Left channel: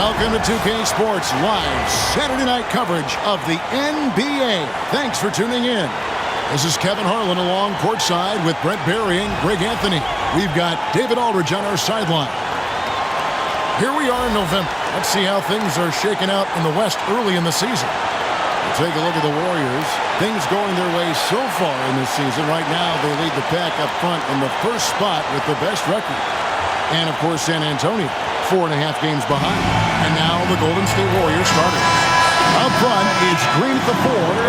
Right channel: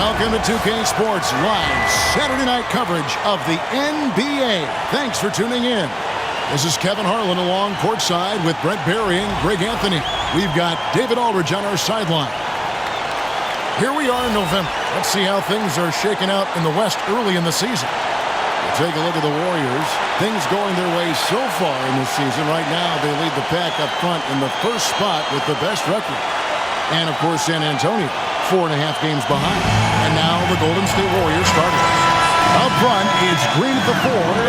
Welcome to 2K Sports Live Saturday night coverage of the NBA. Thanks for tuning in. This is Kevin Harlan along courtside with Brent Barry and Greg Anthony. We've got David Aldridge on our sideline. Here we are in November. Let's see how things are shaking out in the West early in the season. We'll take a look at the Warriors. Things going their way so far in this season. Right now, they lead the pack up front in the first spot with the best record. And, of course, San Antonio, 4.5 games behind. And now the Golden State Warriors starters. Up front, it's Green at the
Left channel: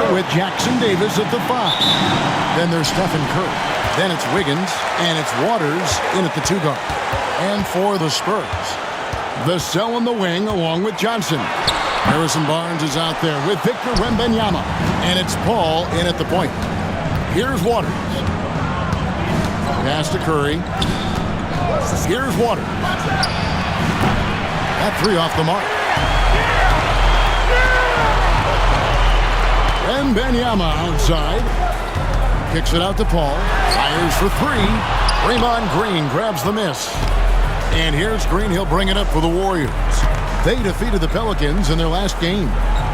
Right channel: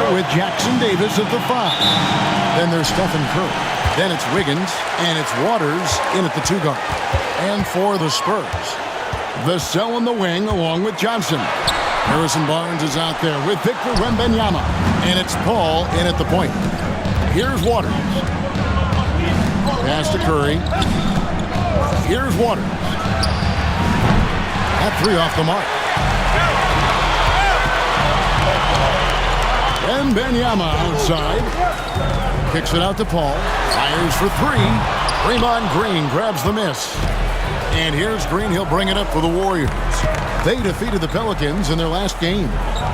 4 with Jackson Davis at the 5. Then there's Stephen Curry. Then it's Wiggins, and it's Waters in at the 2 guard. And for the Spurs, Vassell in the wing along with Johnson. Harrison Barnes is out there with Victor Wembanyama. And it's Paul in at the point. Here's Waters. Pass to Curry. Here's Waters. That 3 off the mark. Wembanyama outside. Kicks it out to Paul. Fires for 3. Draymond Green grabs the miss. And here's Green. He'll bring it up for the Warriors. They defeated the Pelicans in their last game.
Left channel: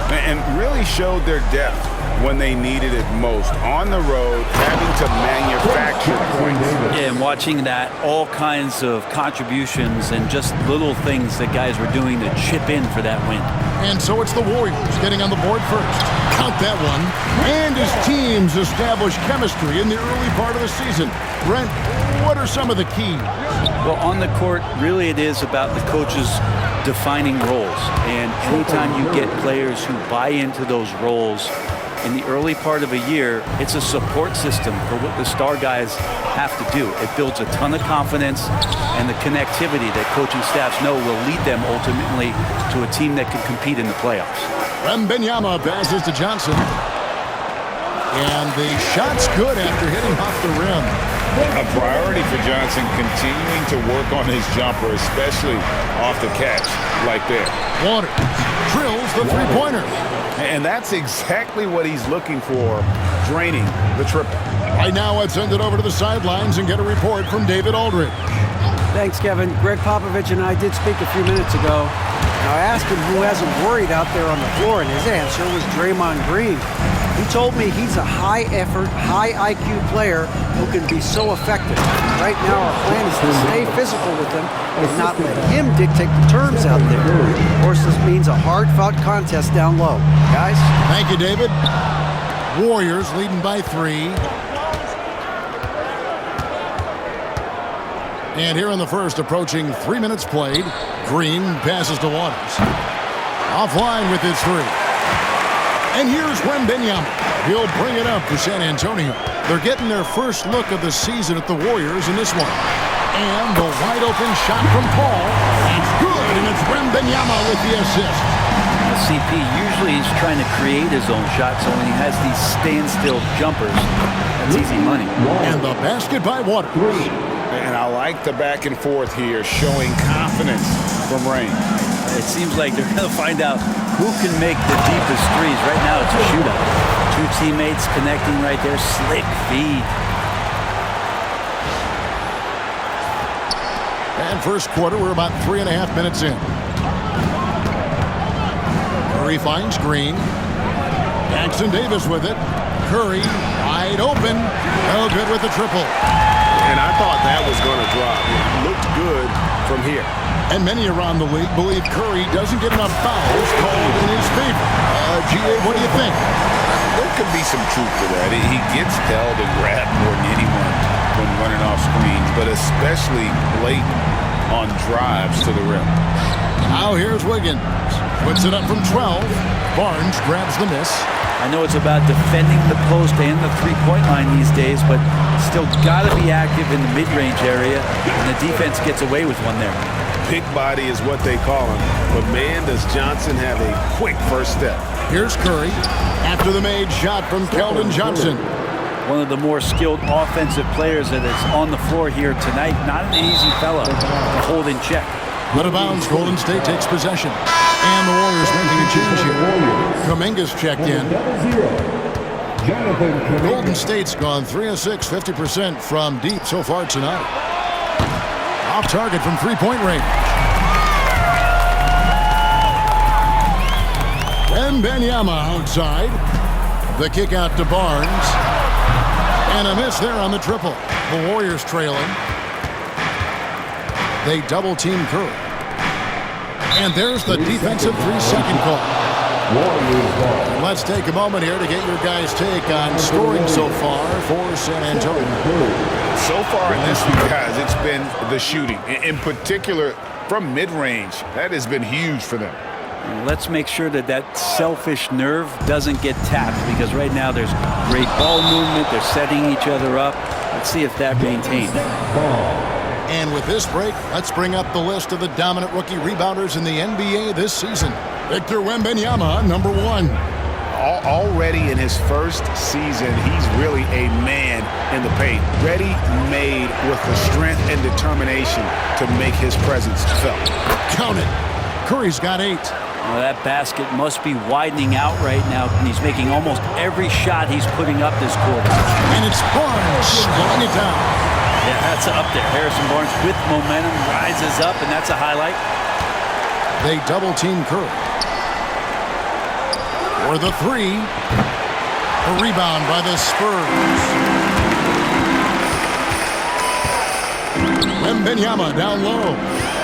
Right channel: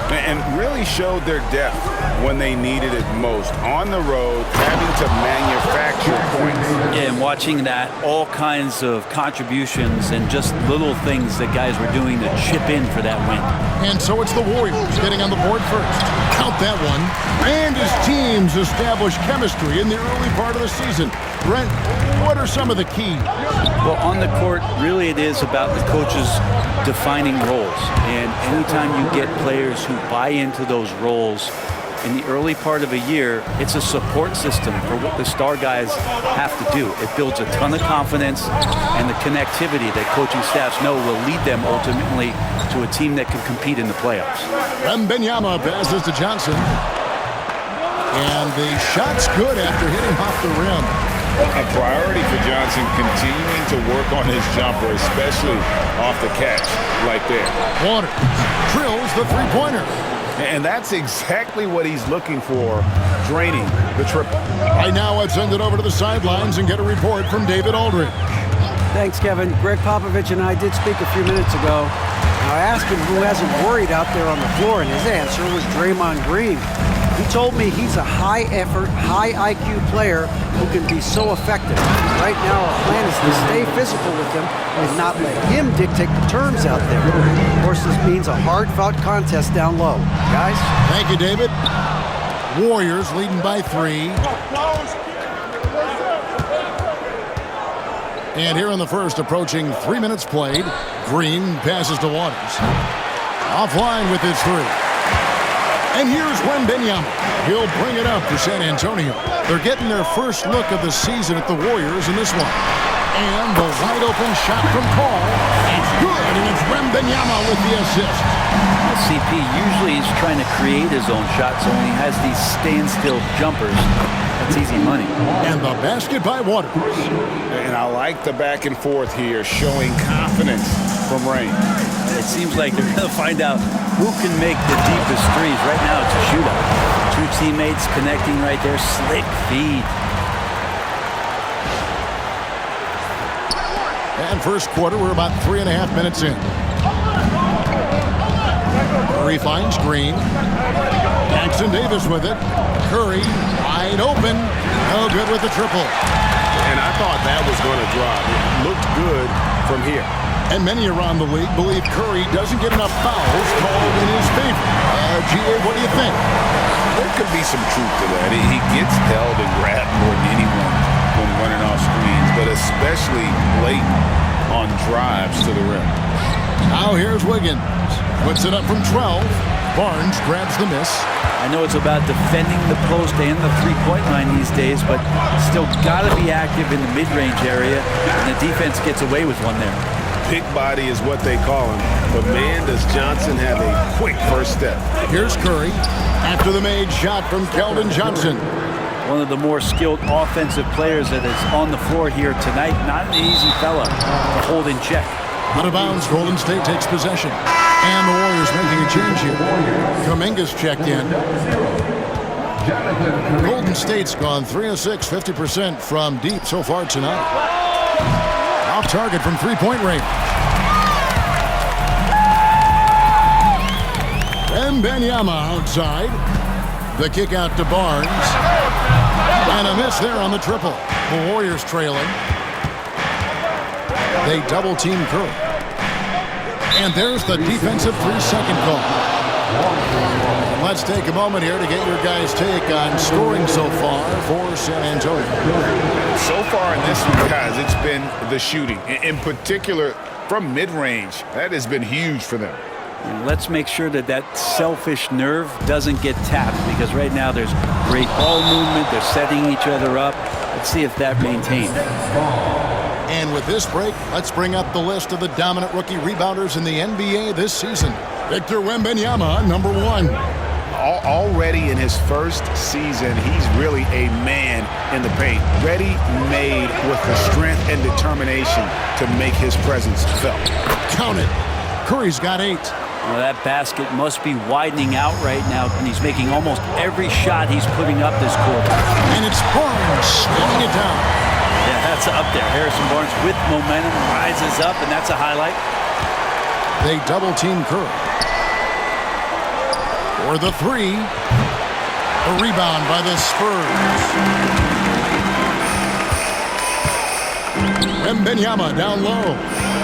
And really showed their depth when they needed it most. On the road, having to manufacture points. Yeah, and watching that, all kinds of contributions and just little things that guys were doing to chip in for that win. And so it's the Warriors getting on the board first. Count that one. And his teams establish chemistry in the early part of the season. Brent, what are some of the keys? Well, on the court, really it is about the coaches defining roles. And anytime you get players who buy into those roles in the early part of a year, it's a support system for what the star guys have to do. It builds a ton of confidence and the connectivity that coaching staffs know will lead them ultimately to a team that can compete in the playoffs. Wembanyama passes to Johnson. And the shot's good after hitting off the rim. A priority for Johnson continuing to work on his jumper, especially off the catch like that. Waters drills the three-pointer. And that's exactly what he's looking for, draining the triple. Right now, let's send it over to the sidelines and get a report from David Aldridge. Thanks, Kevin. Greg Popovich and I did speak a few minutes ago. Now, I asked him who hasn't worried out there on the floor, and his answer was Draymond Green. He told me he's a high-effort, high-IQ player who can be so effective. Right now, our plan is to stay physical with him and not let him dictate the terms out there. Of course, this means a hard-fought contest down low. Guys? Thank you, David. Warriors leading by 3. And here in the first, approaching 3 minutes played, Green passes to Waters. Offline with his 3. And here's Wembanyama. He'll bring it up for San Antonio. They're getting their first look of the season at the Warriors in this one. And the wide-open shot from Paul. That's good, and it's Wembanyama with the assist. CP usually he's trying to create his own shot, so when he has these standstill jumpers, that's easy money. And the basket by Waters. And I like the back and forth here, showing confidence from Rain. It seems like they're going to find out who can make the deepest threes. Right now, it's a shootout. 2 teammates connecting right there. Slick feed. And first quarter, we're about 3.5 minutes in. Curry finds Green. Jackson Davis with it. Curry wide open. No good with the triple. And I thought that was going to drop. It looked good from here. And many around the league believe Curry doesn't get enough fouls called in his favor. GA, what do you think? There could be some truth to that. He gets held and grabbed more than anyone when running off screens, but especially blatant on drives to the rim. Now here's Wiggins. Puts it up from 12. Barnes grabs the miss. I know it's about defending the post and the three-point line these days, but still got to be active in the mid-range area, and the defense gets away with one there. Big body is what they call him, but man, does Johnson have a quick first step. Here's Curry after the made shot from Keldon Johnson. One of the more skilled offensive players that is on the floor here tonight. Not an easy fella to hold in check. Out of bounds, Golden State takes possession. And the Warriors making a change here. Kuminga's checked in. Golden State's gone 3 of 6, 50% from deep so far tonight. Off target from three-point range. Wembanyama outside. The kick out to Barnes. And a miss there on the triple. The Warriors trailing. They double-team Curry. And there's the defensive 3-second call. And let's take a moment here to get your guys' take on scoring so far for San Antonio. So far in this one, guys, it's been the shooting. In particular, from mid-range. That has been huge for them. Let's make sure that selfish nerve doesn't get tapped, because right now there's great ball movement. They're setting each other up. Let's see if that maintains. And with this break, let's bring up the list of the dominant rookie rebounders in the NBA this season. Victor Wembanyama, number 1. Already in his first season, he's really a man in the paint. Ready-made with the strength and determination to make his presence felt. Count it. Curry's got 8. Well, that basket must be widening out right now, and he's making almost every shot he's putting up this quarter. And it's Barnes slowing it down. Yeah, that's up there. Harrison Barnes with momentum rises up, and that's a highlight. They double-team Curry. For the 3. A rebound by the Spurs. Wembanyama down low.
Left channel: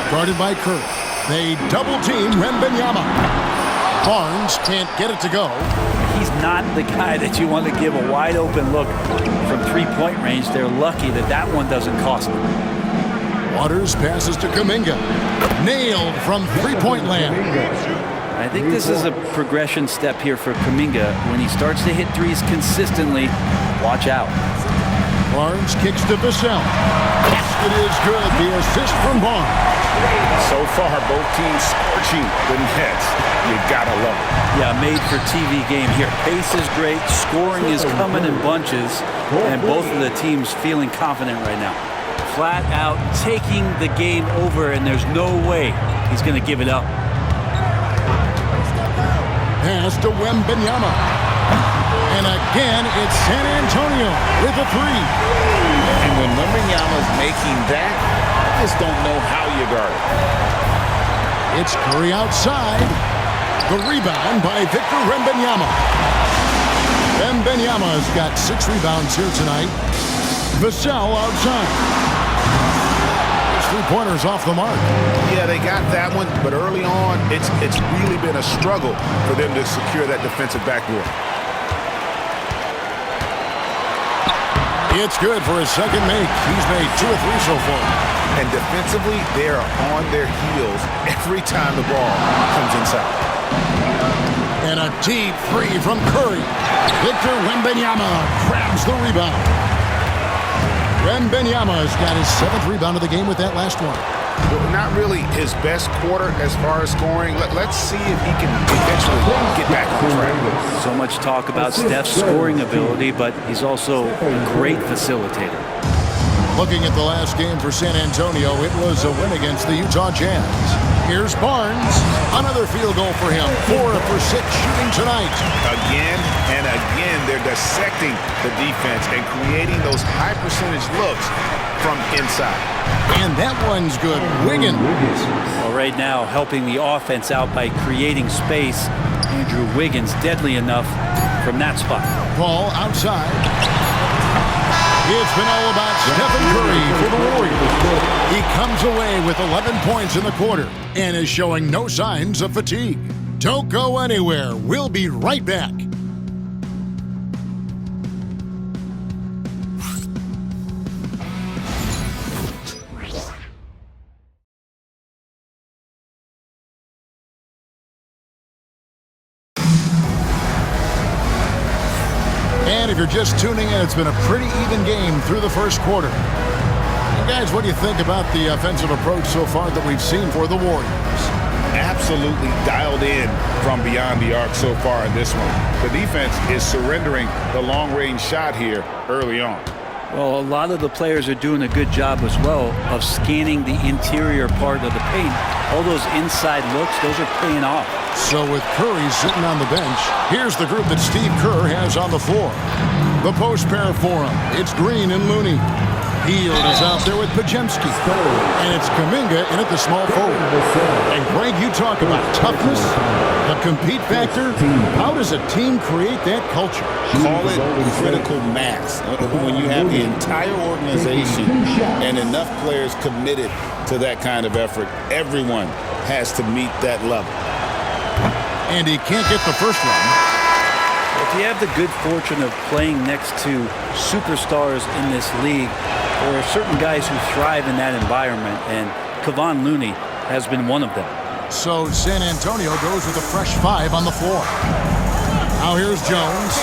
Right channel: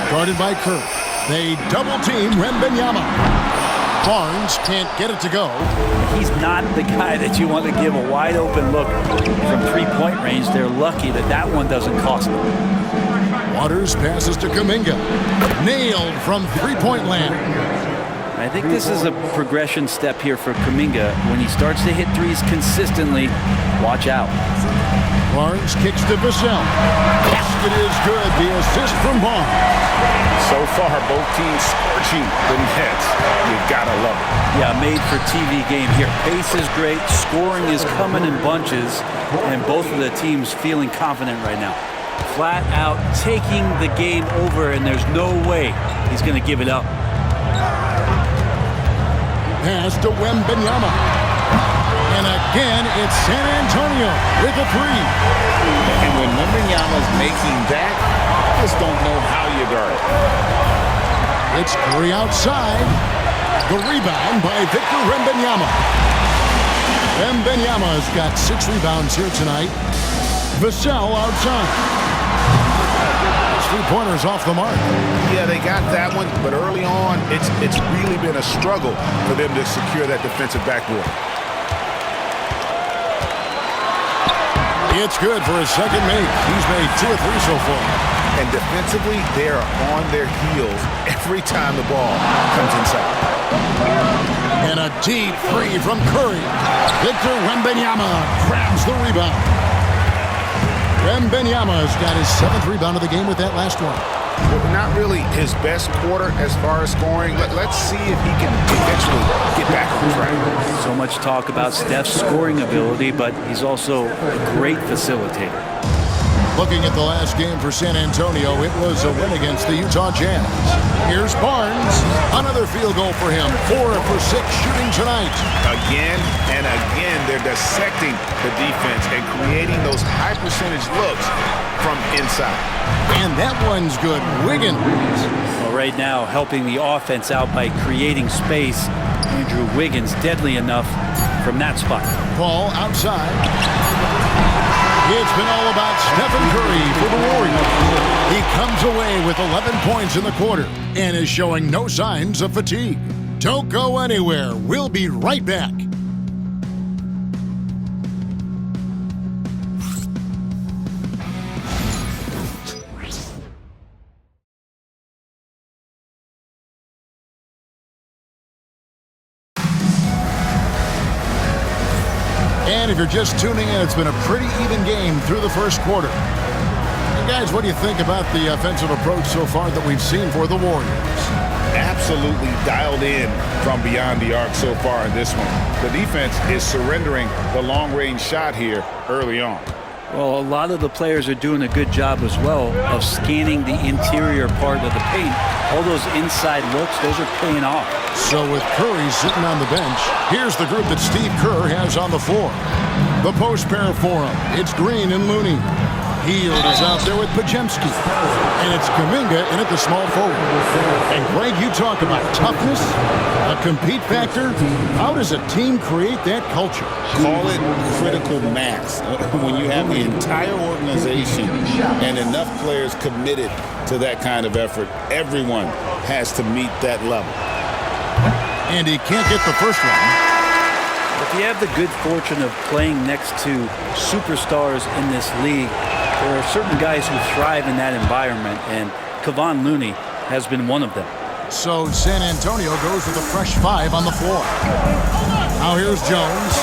Guarded by Curry. They double-team Wembanyama. Barnes can't get it to go. He's not the guy that you want to give a wide-open look from three-point range. They're lucky that one doesn't cost them. Waters passes to Kuminga. Nailed from three-point land. I think this is a progression step here for Kuminga. When he starts to hit threes consistently, watch out. Barnes kicks to Vassell. Basket is good. The assist from Barnes. So far, both teams scorching the Nets. You gotta love it. Yeah, made for TV game here. Pace is great. Scoring is coming in bunches. And both of the teams feeling confident right now. Flat out taking the game over, and there's no way he's going to give it up. Pass to Wembanyama. And again, it's San Antonio with a 3. And when Wembanyama's making that, I just don't know how you guard it. It's Curry outside. The rebound by Victor Wembanyama. Wembanyama's got 6 rebounds here tonight. Vassell outside. His 3-pointers off the mark. Yeah, they got that one, but early on, it's really been a struggle for them to secure that defensive backboard. It's good for his second make. He's made 2 or 3 so far. And defensively, they are on their heels every time the ball comes inside. And a deep 3 from Curry. Victor Wembanyama grabs the rebound. Wembanyama's got his 7th rebound of the game with that last one. Well, not really his best quarter as far as scoring. Let's see if he can eventually get back on track. So much talk about Steph's scoring ability, but he's also a great facilitator. Looking at the last game for San Antonio, it was a win against the Utah Jazz. Here's Barnes. Another field goal for him. 4 for 6 shooting tonight. Again and again, they're dissecting the defense and creating those high percentage looks from inside. And that one's good. Wiggins. Well, right now, helping the offense out by creating space. Andrew Wiggins, deadly enough from that spot. Ball outside. It's been all about Stephen Curry for the Warriors. He comes away with 11 points in the quarter and is showing no signs of fatigue. Don't go anywhere. We'll be right back. And if you're just tuning in, it's been a pretty even game through the first quarter. And guys, what do you think about the offensive approach so far that we've seen for the Warriors? Absolutely dialed in from beyond the arc so far in this one. The defense is surrendering the long-range shot here early on. Well, a lot of the players are doing a good job as well of scanning the interior part of the paint. All those inside looks, those are paying off. So with Curry sitting on the bench, here's the group that Steve Kerr has on the floor. The post pair for him. It's Green and Looney. Hield is out there with Pajemski. And it's Kuminga in at the small forward. And Greg, you talk about toughness, a compete factor. How does a team create that culture? Call it critical mass. When you have the entire organization and enough players committed to that kind of effort, everyone has to meet that level. And he can't get the first one. If you have the good fortune of playing next to superstars in this league, there are certain guys who thrive in that environment, and Kevon Looney has been one of them. So San Antonio goes with a fresh 5 on the floor. Now here's Jones.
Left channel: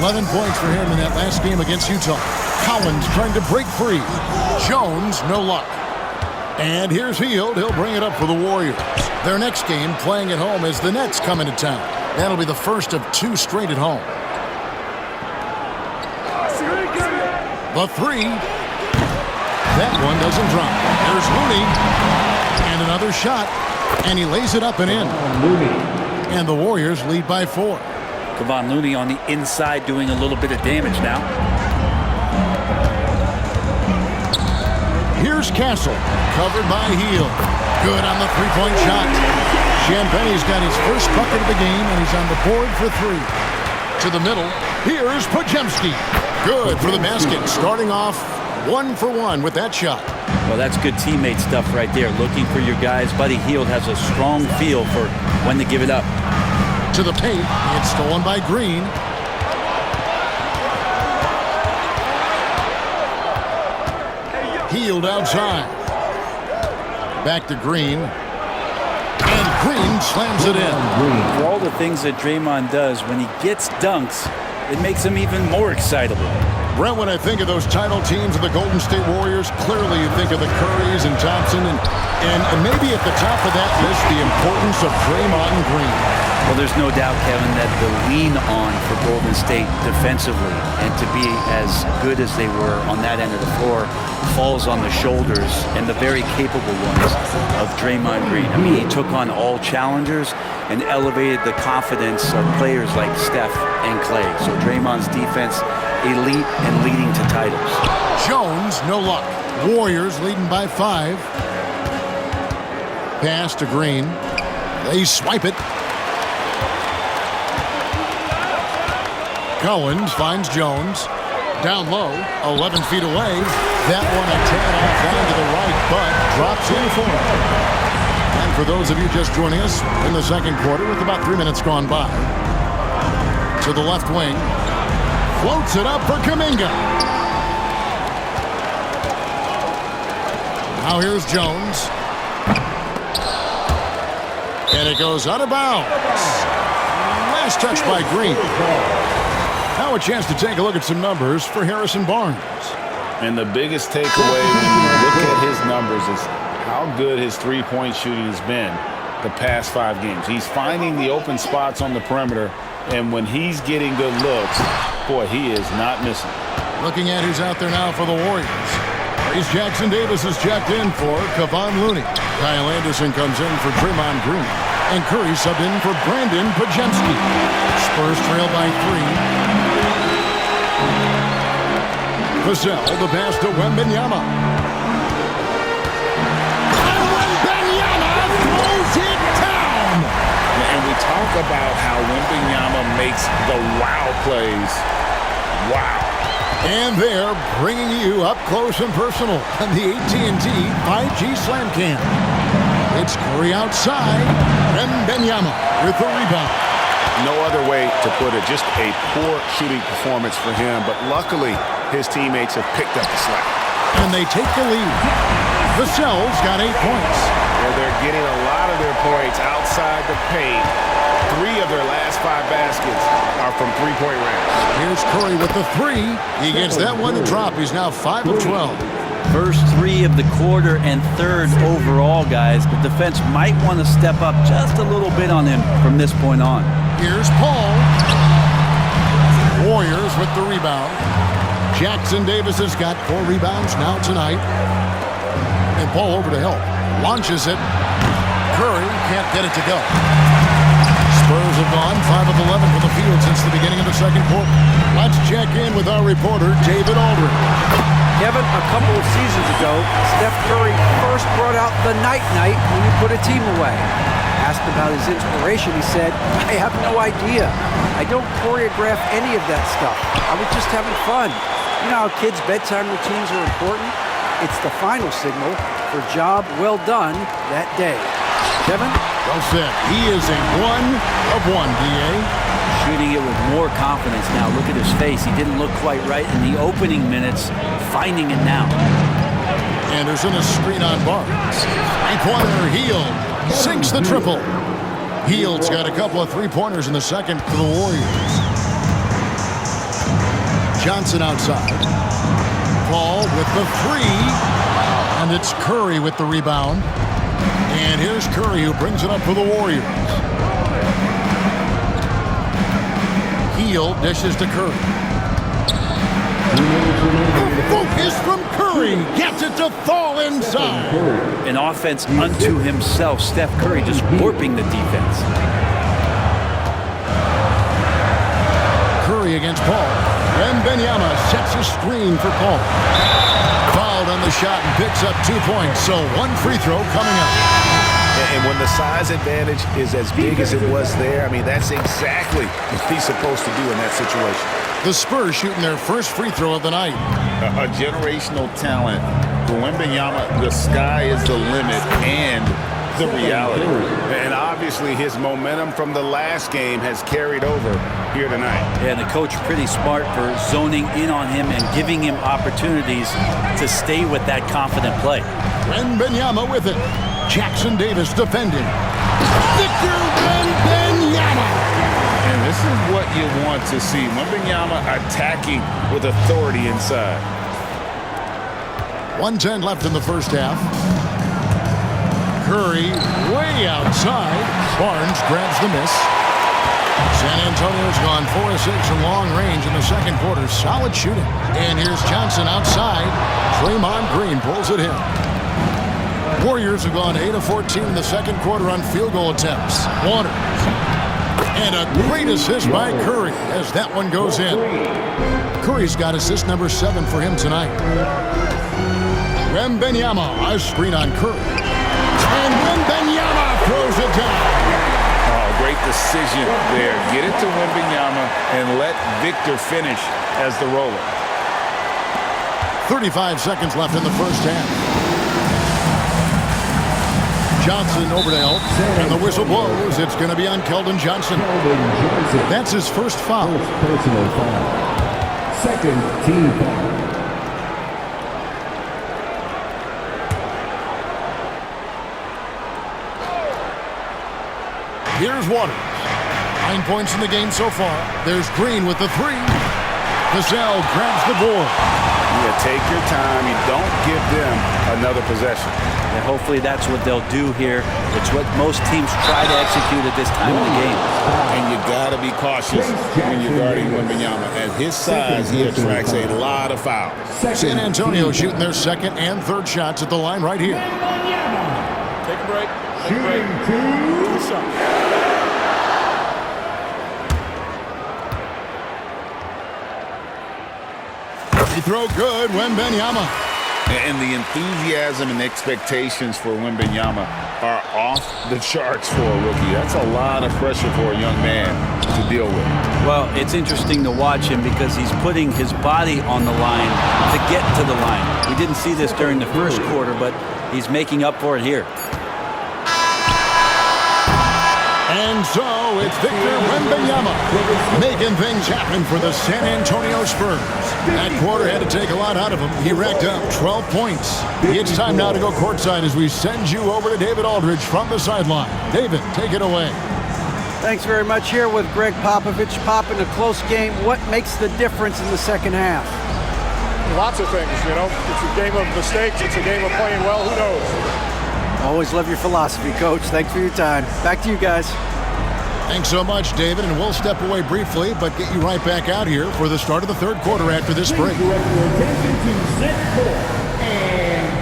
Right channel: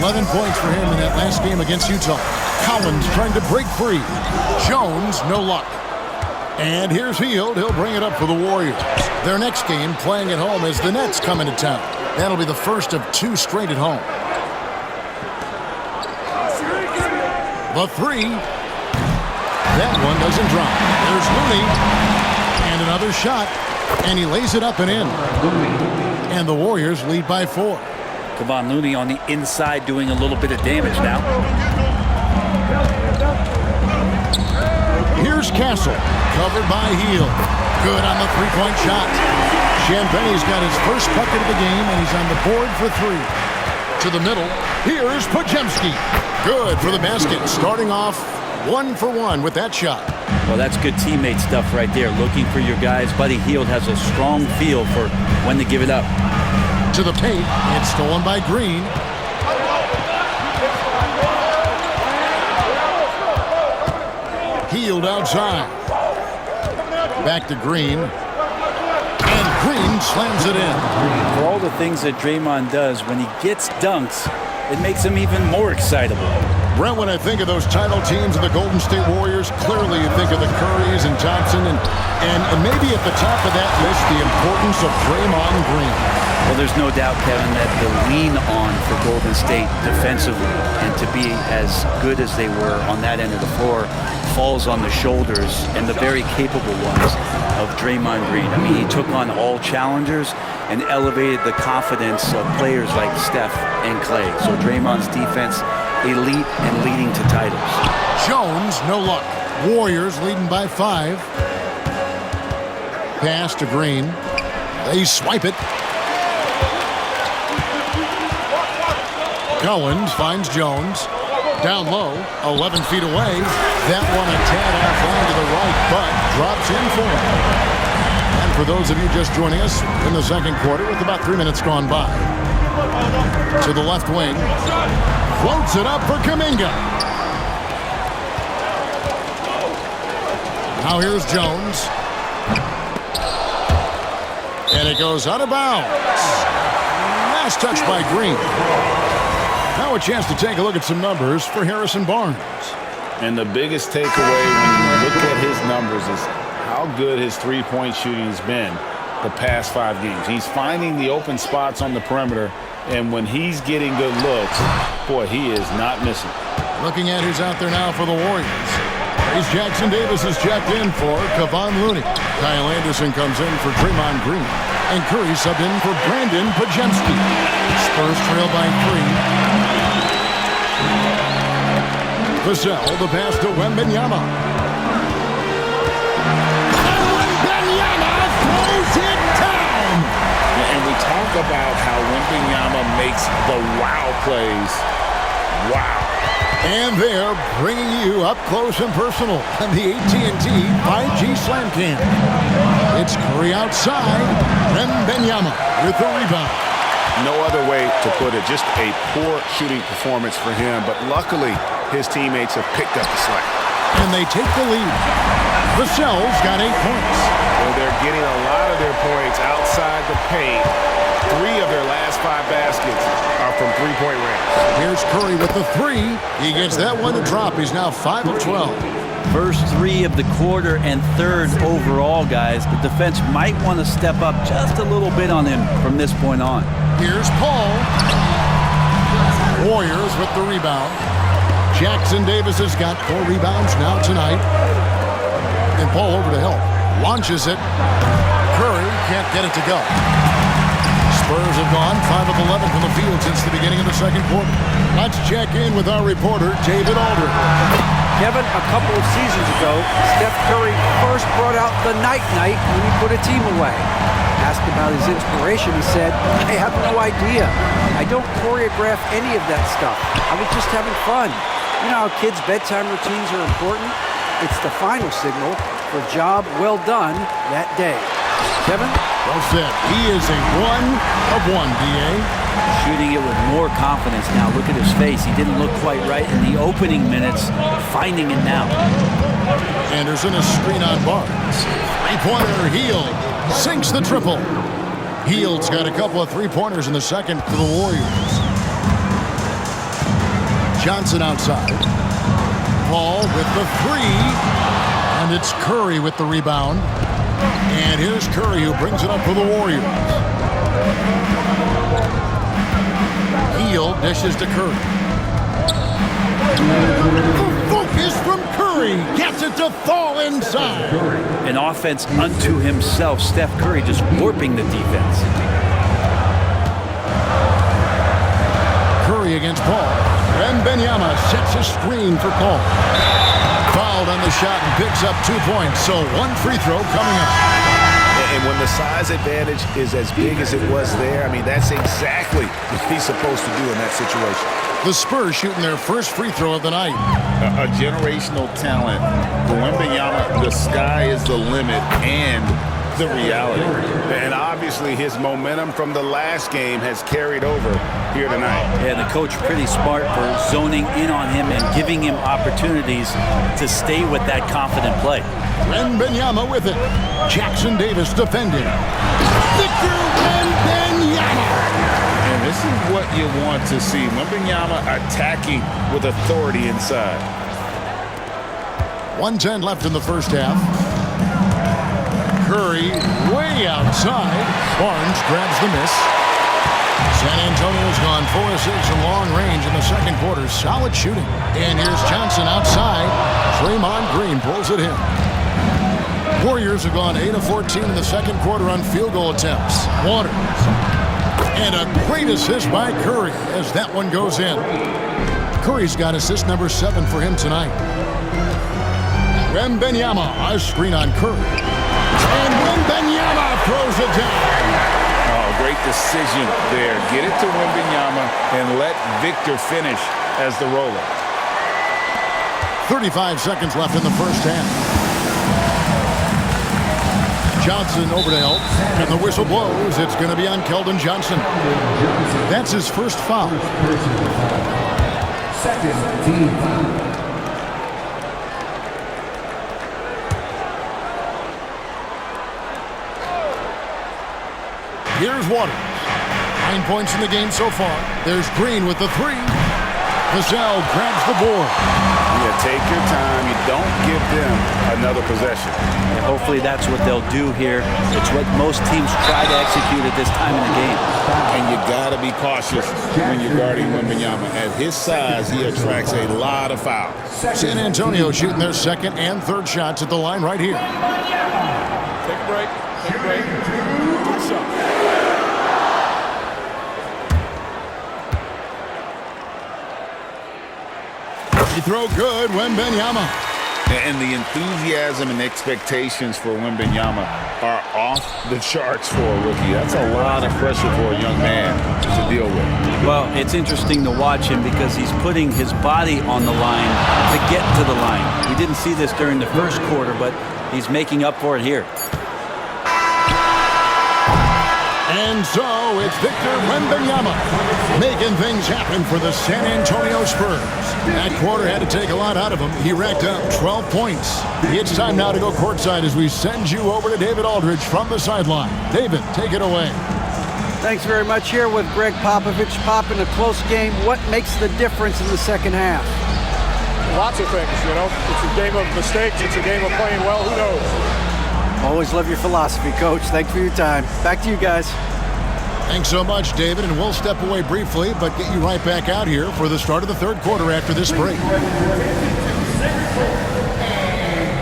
11 points for him in that last game against Utah. Collins trying to break free. Jones, no luck. And here's Hield. He'll bring it up for the Warriors. Their next game, playing at home, as the Nets come into town. That'll be the first of 2 straight at home. The 3. That one doesn't drop. There's Looney. And another shot. And he lays it up and in. And the Warriors lead by 4. Kevon Looney on the inside doing a little bit of damage now. Here's Castle. Covered by Hield. Good on the three-point shot. Champagne's got his first bucket of the game, and he's on the board for 3. To the middle. Here's Pajemski. Good for the basket. Starting off 1 for 1 with that shot. Well, that's good teammate stuff right there. Looking for your guys. Buddy Hield has a strong feel for when to give it up. To the paint. It's stolen by Green. Hield outside. Back to Green. And Green slams it in. For all the things that Draymond does, when he gets dunks, it makes him even more excitable. Brent, when I think of those title teams of the Golden State Warriors, clearly you think of the Currys and Thompson, and maybe at the top of that list, the importance of Draymond Green. Well, there's no doubt, Kevin, that the lean on for Golden State defensively and to be as good as they were on that end of the floor falls on the shoulders, and the very capable ones, of Draymond Green. I mean, he took on all challengers and elevated the confidence of players like Steph and Clay. So Draymond's defense, elite and leading to titles. Jones, no luck. Warriors leading by 5. Pass to Green. They swipe it. Collins finds Jones. Down low, 11 feet away. That one a tad offline to the right, but drops in for him. And for those of you just joining us in the second quarter with about 3 minutes gone by, to the left wing, floats it up for Kuminga. Now here's Jones. And it goes out of bounds. Last touch by Green. Now a chance to take a look at some numbers for Harrison Barnes. And the biggest takeaway when you look at his numbers is how good his three-point shooting has been the past 5 games. He's finding the open spots on the perimeter, and when he's getting good looks, boy, he is not missing. Looking at who's out there now for the Warriors. Trace Jackson-Davis is checked in for Kevon Looney. Kyle Anderson comes in for Draymond Green. And Curry subbed in for Brandon Pajemski. Spurs trail by 3. Vassell, the pass to Wembanyama. And Wembanyama throws it down. And we talk about how Wembanyama makes the wow plays. Wow. And they're bringing you up close and personal on the AT&T 5G Slam Cam. It's Curry outside. Wembanyama with the rebound. No other way to put it. Just a poor shooting performance for him. But luckily, his teammates have picked up the slack. And they take the lead. Vassell's got 8 points. Well, they're getting a lot of their points outside the paint. 3 of their last 5 baskets are from three-point range. Here's Curry with the 3. He gets that one to drop. He's now 5 of 12. First 3 of the quarter and 3rd overall, guys. The defense might want to step up just a little bit on him from this point on. Here's Paul. Warriors with the rebound. Jackson-Davis has got 4 rebounds now tonight. And Paul over to help. Launches it. Curry can't get it to go. Spurs have gone 5 of 11 from the field since the beginning of the second quarter. Let's check in with our reporter, David Aldridge. Kevin, a couple of seasons ago, Steph Curry first brought out the night-night when he put a team away. Asked about his inspiration, he said, "I have no idea. I don't choreograph any of that stuff. I was just having fun." You know how kids' bedtime routines are important? It's the final signal for a job well done that day. Kevin? Well said. He is a 1 of 1, D.A. Shooting it with more confidence now. Look at his face. He didn't look quite right in the opening minutes, finding it now. Anderson, a screen on Barnes. Three-pointer, Hield sinks the triple. Hield's got a couple of three-pointers in the second for the Warriors. Johnson outside. Paul with the three. And it's Curry with the rebound. And here's Curry who brings it up for the Warriors. Hield dishes to Curry. The focus from Curry gets it to fall inside. An offense unto himself. Steph Curry just warping the defense. Curry against Paul. Wembanyama sets a screen for Paul. Fouled on the shot and picks up 2 points, so one free throw coming up. And when the size advantage is as big as it was there, I mean, that's exactly what he's supposed to do in that situation. The Spurs shooting their first free throw of the night. A generational talent. For Wembanyama, the sky is the limit and the reality. And obviously his momentum from the last game has carried over here tonight. Yeah, the coach pretty smart for zoning in on him and giving him opportunities to stay with that confident play. Wembanyama with it. Jackson Davis defending. Victor Wembanyama. And this is what you want to see. Wembanyama attacking with authority inside. 1:10 left in the first half. Curry way outside. Barnes grabs the miss. San Antonio's gone 4 of 6 in long range in the second quarter. Solid shooting. And here's Johnson outside. Draymond Green pulls it in. Warriors have gone 8 of 14 in the second quarter on field goal attempts. Waters. And a great assist by Curry as that one goes in. Curry's got assist number 7 for him tonight. Wembanyama, a screen on Curry. And Wembanyama throws it down. Oh, great decision there. Get it to Wembanyama and let Victor finish as the roller. 35 seconds left in the first half. Johnson over to help, and the whistle blows. It's going to be on Keldon Johnson. That's his first foul. Personal foul. Second team foul. Here's Waters. 9 points in the game so far. There's Green with the three. Vassell grabs the board. Yeah, take your time. You don't give them another possession. And hopefully that's what they'll do here. It's what most teams try to execute at this time in the game. And you got to be cautious when you're guarding Wembanyama. At his size, he attracts a lot of fouls. San Antonio shooting their second and third shots at the line right here. Take a break. Take a break. 2 shots. Free throw good, Wembanyama. And the enthusiasm and expectations for Wembanyama are off the charts for a rookie. That's a lot of pressure for a young man to deal with. Well, it's interesting to watch him because he's putting his body on the line to get to the line. We didn't see this during the first quarter, but he's making up for it here. And so it's Victor Wembanyama making things happen for the San Antonio Spurs. That quarter had to take a lot out of him. He racked up 12 points. It's time now to go courtside as we send you over to David Aldridge from the sideline. David, take it away. Thanks very much. Here with Greg Popovich. Pop, in a close game, what makes the difference in the second half? Lots of things, you know. It's a game of mistakes. It's a game of playing well. Who knows? Always love your philosophy, Coach. Thanks for your time. Back to you guys. Thanks so much, David, and we'll step away briefly, but get you right back out here for the start of the third quarter after this break. And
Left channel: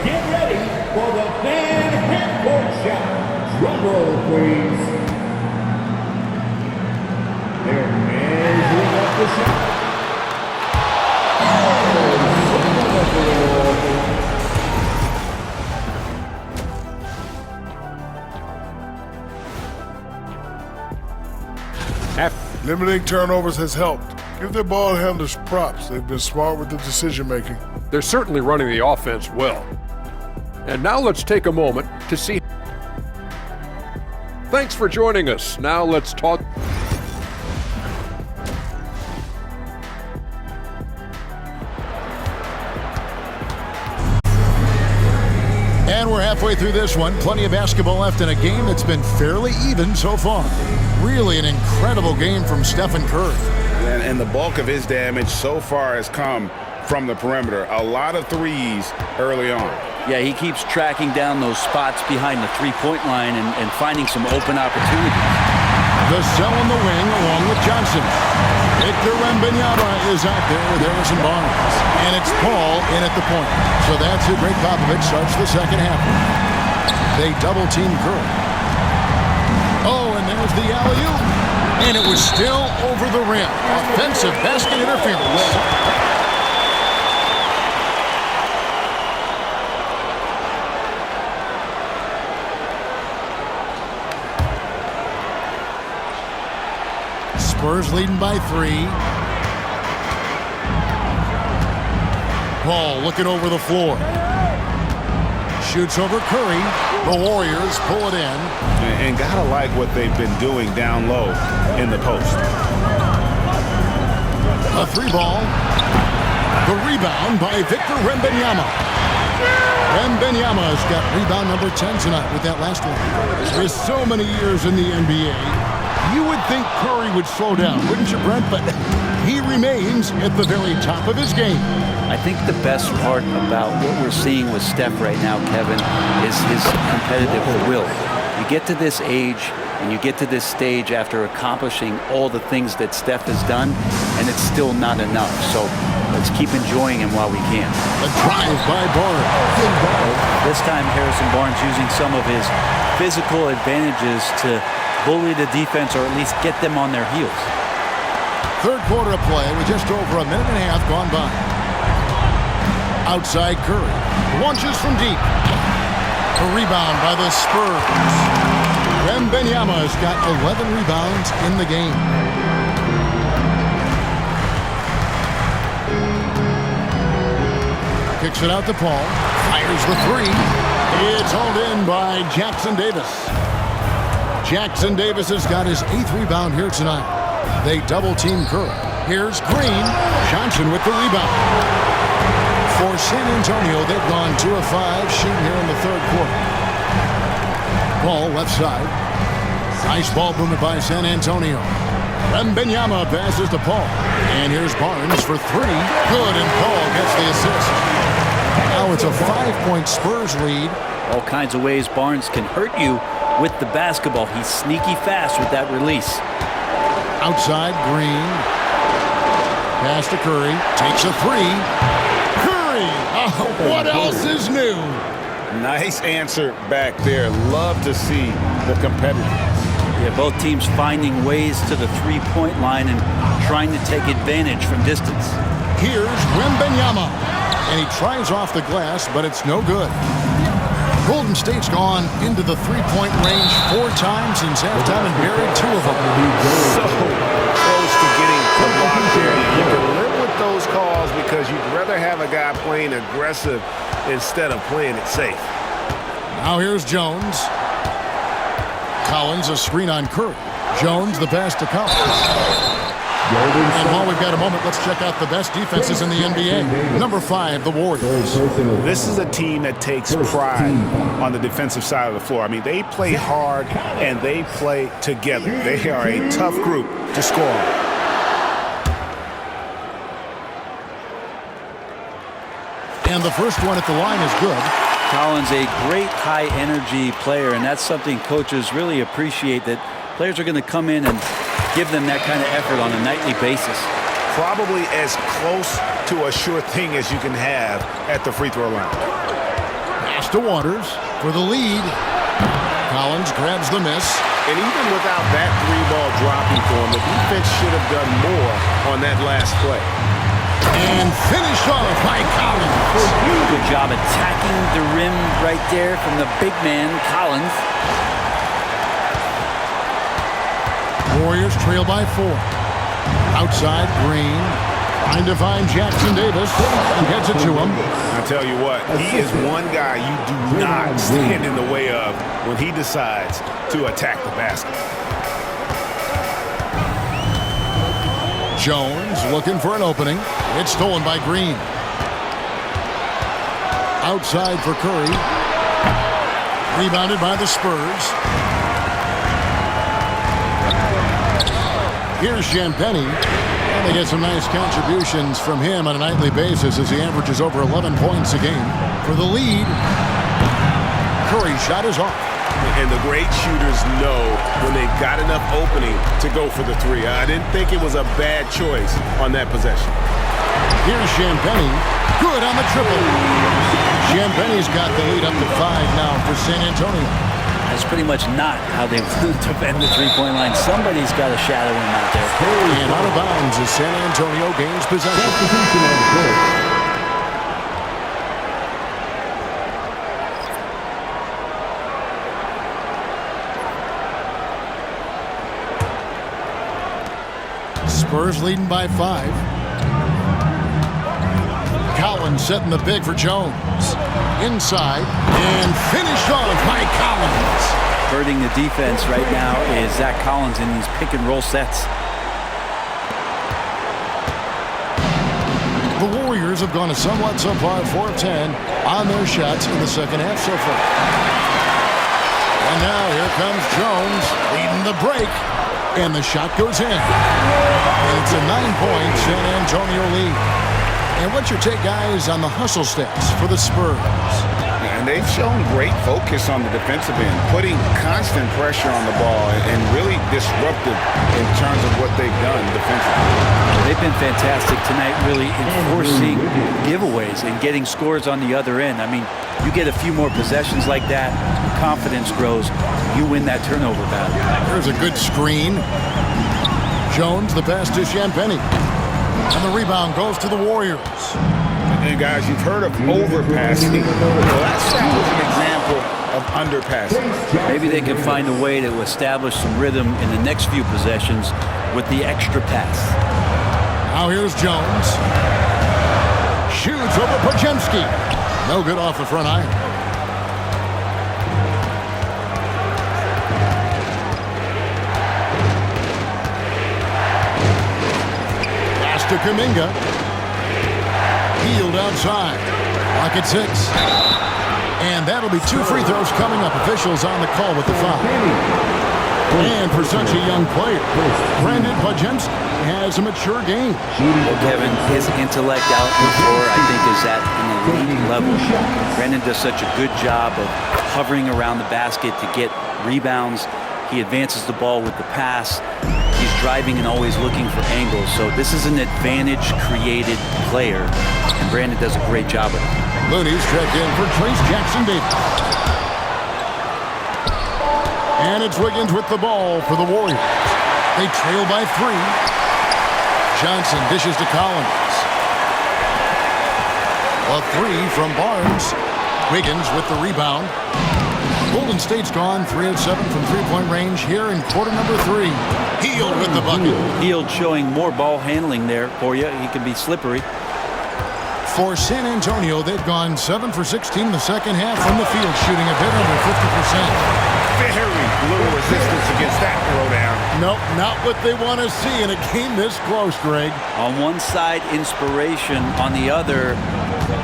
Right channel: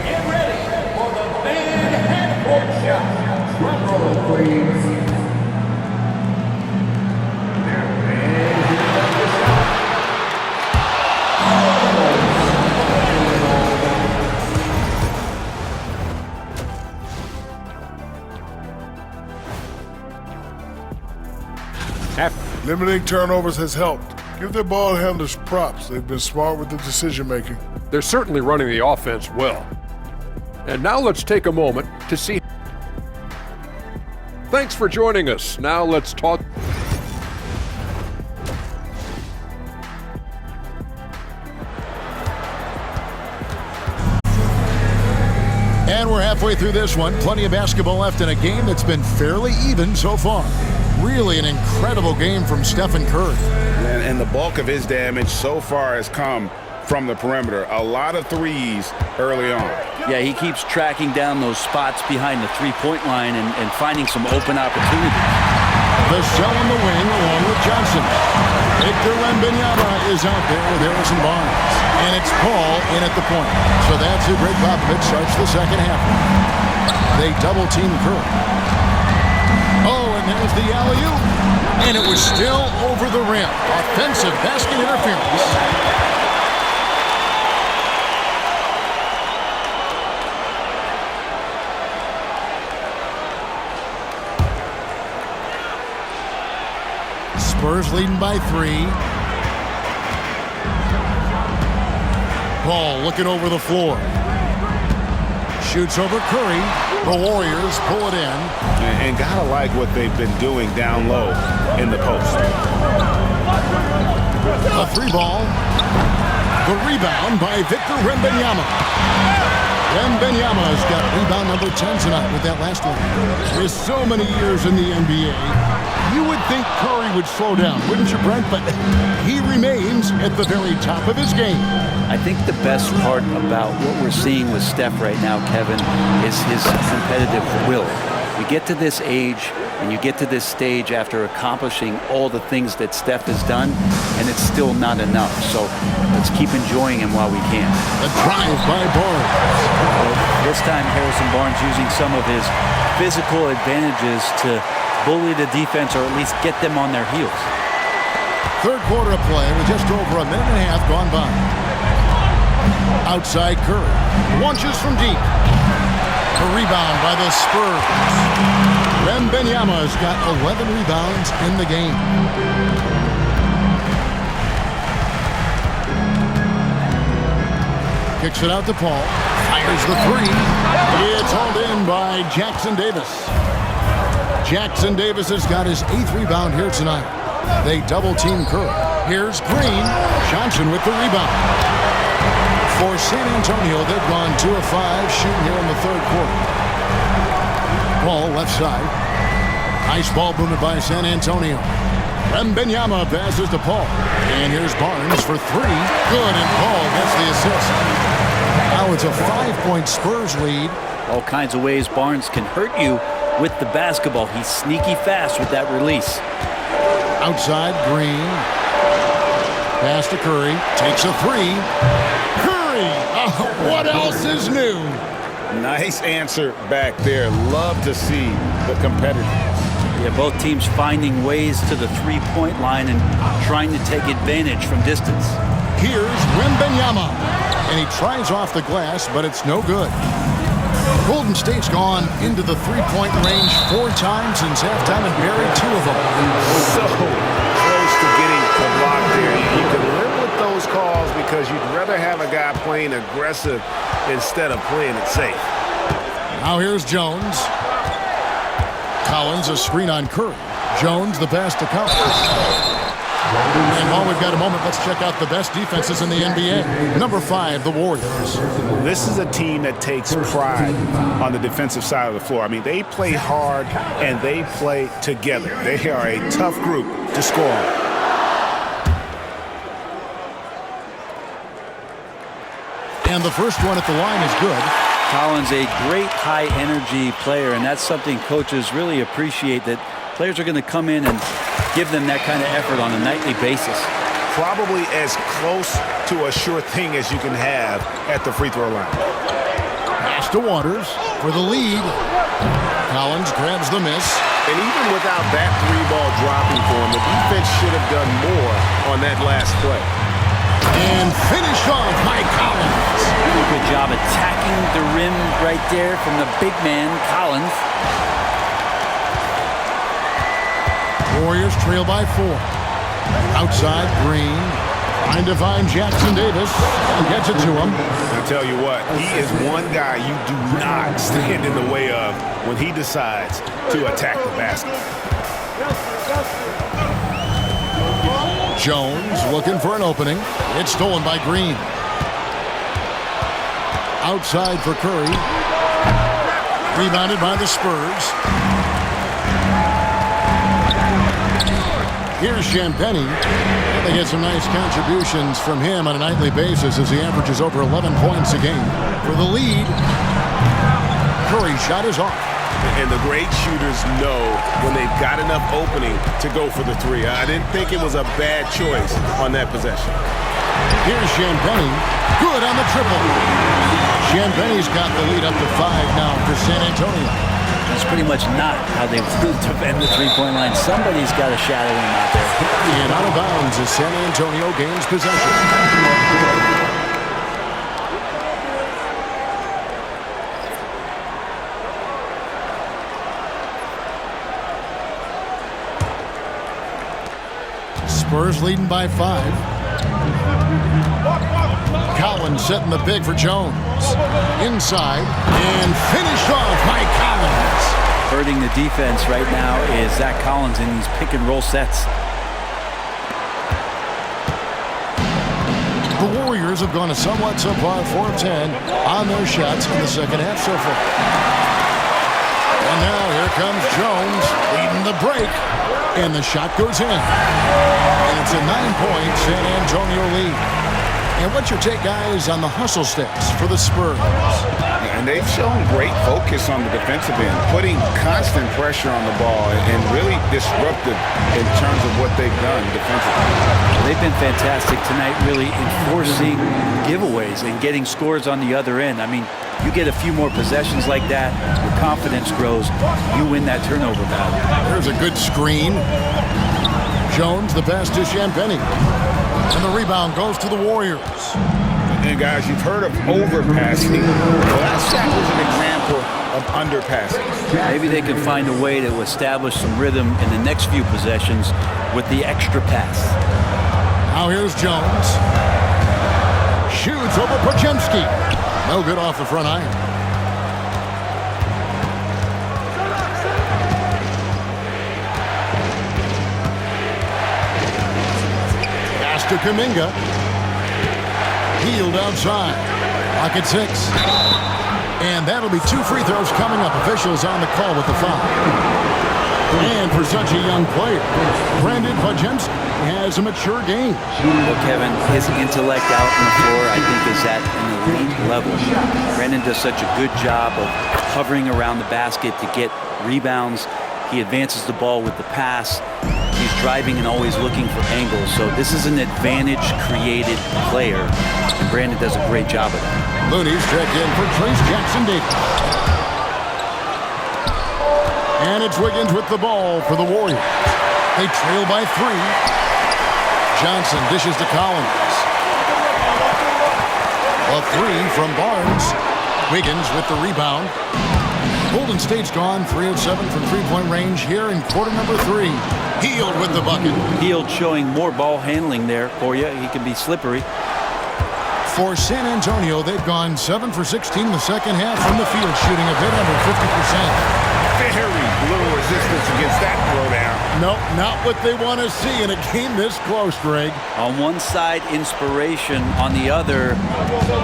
get ready for the fan half-court shot. Drum roll, please. There, and here's the shot. Oh, Limiting turnovers has helped. Give their ball handlers props. They've been smart with the decision-making. They're certainly running the offense well. And now let's take a moment to see. Thanks for joining us. Now let's talk. And we're halfway through this one. Plenty of basketball left in a game that's been fairly even so far. Really an incredible game from Stephen Curry. And the bulk of his damage so far has come from the perimeter. A lot of threes early on. Yeah, he keeps tracking down those spots behind the three-point line and finding some open opportunities. Vassell on the wing along with Johnson. Victor Wembanyama is out there with Harrison Barnes. And it's Paul in at the point. So that's who Greg Popovich starts the second half with. They double-team Curry. Oh, and there's the alley-oop. And it was still over the rim. Offensive basket interference. Spurs leading by 3. Paul looking over the floor. Shoots over Curry. The Warriors pull it in. And gotta like what they've been doing down low in the post. A 3-ball. The rebound by Victor Wembanyama. Wembanyama's got rebound number 10 tonight with that last one. With so many years in the NBA, you would think Curry would slow down, wouldn't you, Brent? But he remains at the very top of his game. I think the best part about what we're seeing with Steph right now, Kevin, is his competitive will. You get to this age and you get to this stage after accomplishing all the things that Steph has done, and it's still not enough. So let's keep enjoying him while we can. A drive by Barnes. Well, this time Harrison Barnes using some of his physical advantages to bully the defense or at least get them on their heels. Third quarter of play with just over a minute and a half gone by. Outside Curry. Launches from deep. A rebound by the Spurs. Wembanyama's got 11 rebounds in the game. Kicks it out to Paul. Fires the 3. It's hauled in by Jackson Davis. Jackson Davis has got his 8th rebound here tonight. They double-team Curry. Here's Green. Johnson with the rebound. For San Antonio, they've gone 2 of 5 shooting here in the third quarter. Ball left side. Nice ball movement by San Antonio. Wembanyama passes to Paul. And here's Barnes for 3. Good, and Paul gets the assist. Now it's a 5-point Spurs lead. All kinds of ways Barnes can hurt you with the basketball. He's sneaky fast with that release. Outside, Green. Pass to Curry. Takes a 3. Curry! Oh, what else is new? Nice answer back there. Love to see the competitiveness. Yeah, both teams finding ways to the three-point line and trying to take advantage from distance. Here's Wembanyama. And he tries off the glass, but it's no good. Golden State's gone into the three-point range 4 times since halftime and buried 2 of them. So close to getting the block there. You can live with those calls because you'd rather have a guy playing aggressive instead of playing it safe. Now here's Jones. Collins, a screen on Curry. Jones, the pass to Collins. And while we've got a moment, let's check out the best defenses in the NBA. Number 5, the Warriors. This is a team that takes pride on the defensive side of the floor. I mean, they play hard and they play together. They are a tough group to score on. And the first one at the line is good. Collins, a great high-energy player, and that's something coaches really appreciate, that players are going to come in and give them that kind of effort on a nightly basis. Probably as close to a sure thing as you can have at the free throw line. Pass to Waters for the lead. Collins grabs the miss. And even without that 3-ball dropping for him, the defense should have done more on that last play. And finished off by Collins. Good job attacking the rim right there from the big man, Collins. Warriors trail by 4. Outside, Green. Trying to find Jackson Davis and gets it to him. I tell you what, he is one guy you do not stand in the way of when he decides to attack the basket. Jones looking for an opening. It's stolen by Green. Outside for Curry. Rebounded by the Spurs. Here's Champagnie. And they get some nice contributions from him on a nightly basis as he averages over 11 points a game. For the lead, Curry's shot is off. And the great shooters know when they've got enough opening to go for the three. I didn't think it was a bad choice on that possession. Here's Champagnie. Good on the triple. Champagnie's got the lead up to 5 now for San Antonio. That's pretty much not how they defend the three-point line. Somebody's got to shadow him out there. And out of bounds as San Antonio gains possession. Spurs leading by 5. Collins setting the big for Jones. Inside and finished off by Collins. Hurting the defense right now is Zach Collins in these pick-and-roll sets. The Warriors have gone a somewhat subpar 4 of 10 on their shots in the second half so far. And now here comes Jones leading the break. And the shot goes in. And it's a 9-point San Antonio lead. And what's your take, guys, on the hustle stats for the Spurs? And they've shown great focus on the defensive end, putting constant pressure on the ball and really disruptive in terms of what they've done defensively. Well, they've been fantastic tonight, really enforcing giveaways and getting scores on the other end. I mean, you get a few more possessions like that, your confidence grows, you win that turnover battle. There's a good screen. Jones, the pass to Champagnie. And the rebound goes to the Warriors. And guys, you've heard of overpassing. Well, that shot was an example of underpassing. Maybe they can find a way to establish some rhythm in the next few possessions with the extra pass. Now here's Jones. Shoots over Podziemski. No good off the front iron. Pass to Kuminga. Healed outside. Clock at 6. And that'll be 2 free throws coming up. Officials on the call with the foul. And for such a young player, Brandon Podziemski has a mature game. Well, Kevin, his intellect out on the floor, I think, is at an elite level. Brandon does such a good job of hovering around the basket to get rebounds. He advances the ball with the pass. He's driving and always looking for angles. So this is an advantage-created player, and Brandon does a great job of that. Looney's checked in for Trace Jackson Davis. And it's Wiggins with the ball for the Warriors. They trail by 3. Johnson dishes to Collins. A 3 from Barnes. Wiggins with the rebound. Golden State's gone 3 of 7 from three-point range here in quarter number 3. Hield with the bucket. Hield showing more ball handling there for you. He can be slippery. For San Antonio, they've gone 7 for 16 in the second half from the field, shooting a bit under 50%. Very little resistance against that throwdown. Nope, not what they want to see in a game this close, Greg. On one side, inspiration. On the other,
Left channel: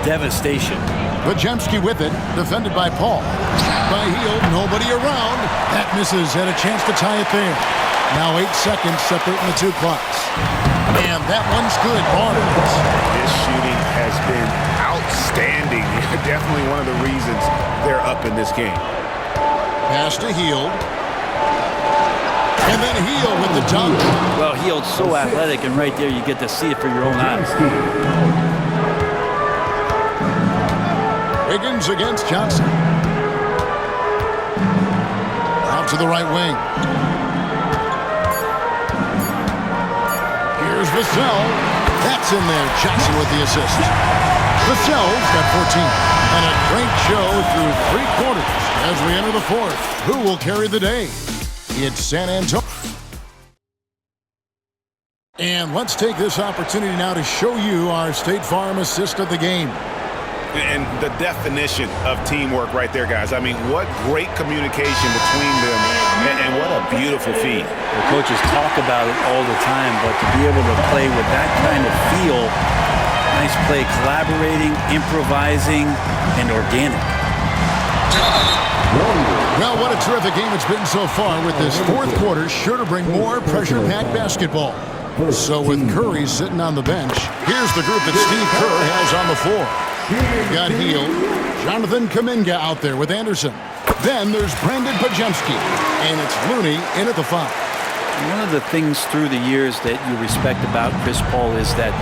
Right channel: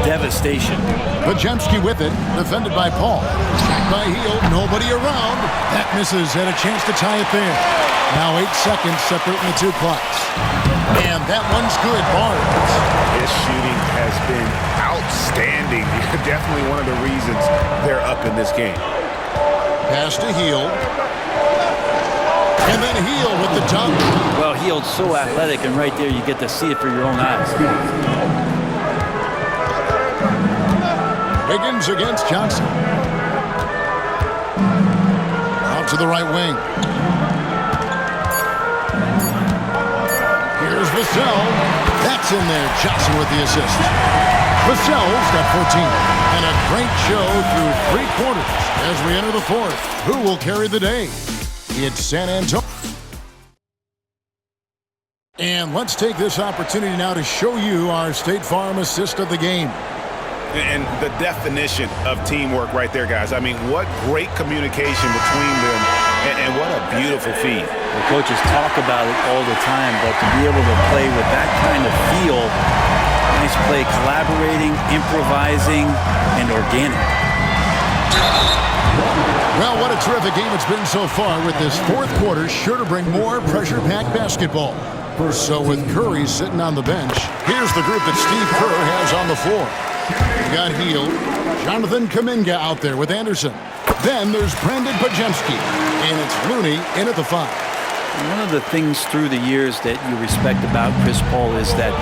devastation. Podziemski with it, defended by Paul. Shot by Hield, nobody around. That misses, and a chance to tie it there. Now 8 seconds separating the 2 clocks. And that one's good, Barnes. His shooting has been outstanding. Definitely one of the reasons they're up in this game. Pass to Hield. And then Hield with the dunk. Well, Hield's so athletic, and right there you get to see it for your own eyes. Wiggins against Johnson. Out to the right wing. Here's Vassell. That's in there. Johnson with the assist. Vassell's got 14. And a great show through 3 quarters as we enter the 4th. Who will carry the day? It's San Antonio. And let's take this opportunity now to show you our State Farm assist of the game. And the definition of teamwork right there, guys. I mean, what great communication between them, and what a beautiful feed. The coaches talk about it all the time, but to be able to play with that kind of feel, nice play, collaborating, improvising, and organic. Well, what a terrific game it's been so far, with this fourth quarter sure to bring more pressure-packed basketball. So with Curry sitting on the bench, here's the group that Steve Kerr has on the floor. We've got Hield, Jonathan Kuminga out there with Anderson. Then there's Brandon Pajemski, and it's Looney in at the 5. One of the things through the years that you respect about Chris Paul is that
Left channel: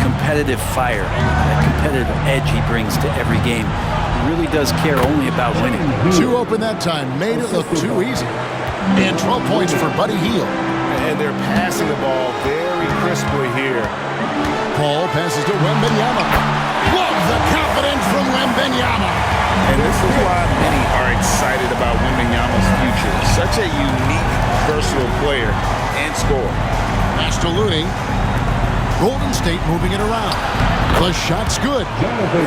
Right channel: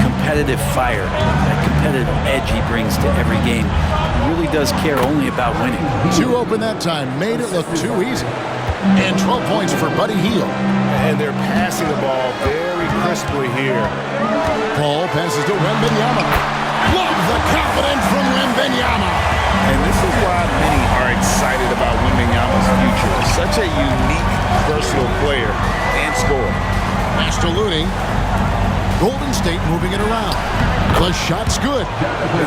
competitive fire, that competitive edge he brings to every game. He really does care only about winning. 2 open that time, made it look too easy. And 12 points for Buddy Hield. And they're passing the ball very crisply here. Paul passes to Wembanyama. Love the confidence from Wembanyama. And this is why many are excited about Wembanyama's future. Such a unique, versatile player and scorer. Pass to Looney. Golden State moving it around. The shot's good.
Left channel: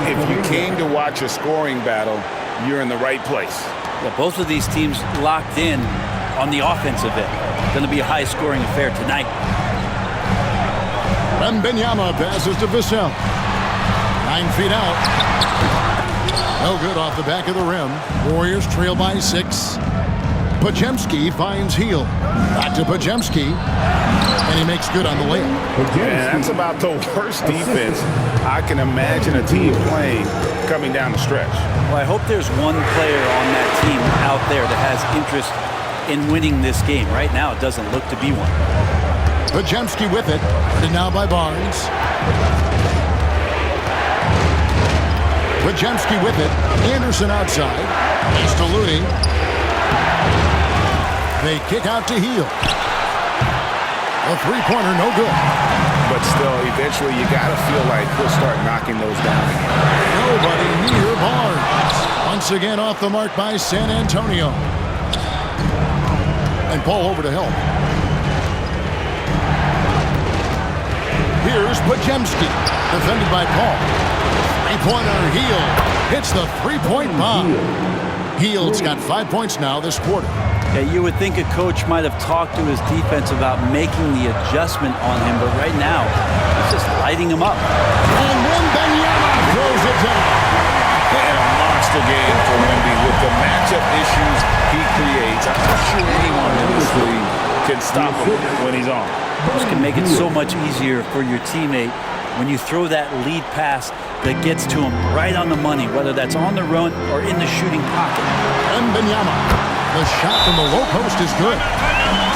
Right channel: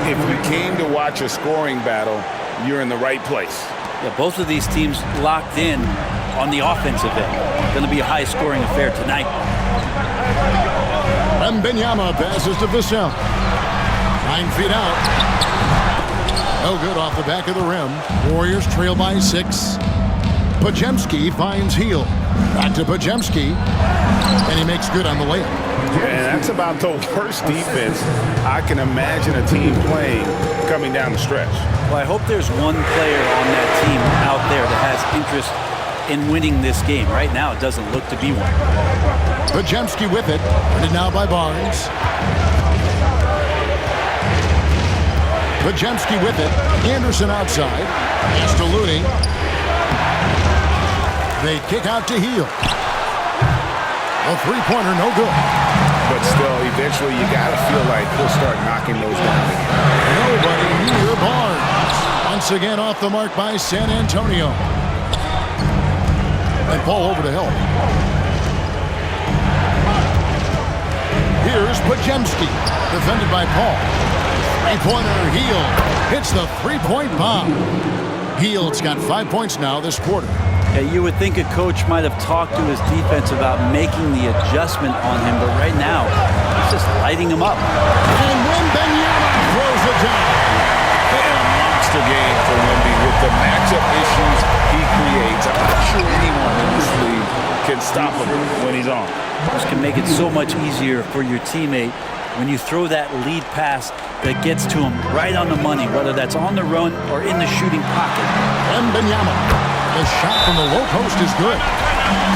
If you came to watch a scoring battle, you're in the right place. Yeah, both of these teams locked in on the offensive end. Going to be a high-scoring affair tonight. Wembanyama passes to Vassell. 9 feet out. No good off the back of the rim. Warriors trail by 6. Pajemski finds Hield. Back to Pajemski. And he makes good on the layup. And that's about the worst defense I can imagine a team playing coming down the stretch. Well, I hope there's one player on that team out there that has interest in winning this game. Right now, it doesn't look to be one. Pajemski with it. And now by Barnes. Pajemski with it. Anderson outside. Pass to Looney. They kick out to Hield. A three-pointer, no good. But still, eventually you got to feel like he'll start knocking those down again. Nobody near Barnes. Once again off the mark by San Antonio. And Paul over to help. Here's Pajemski. Defended by Paul. Three-pointer, Hield hits the three-point bomb. Hield's got 5 points now this quarter. Yeah, you would think a coach might have talked to his defense about making the adjustment on him, but right now, he's just lighting him up. And Wembanyama throws it down. And a monster game for Wemby with the matchup issues he creates. I'm not sure anyone in this league can stop him when he's on. This can make it so much easier for your teammate when you throw that lead pass that gets to him right on the money, whether that's on the run or in the shooting pocket. Wembanyama. The shot from the low post is good.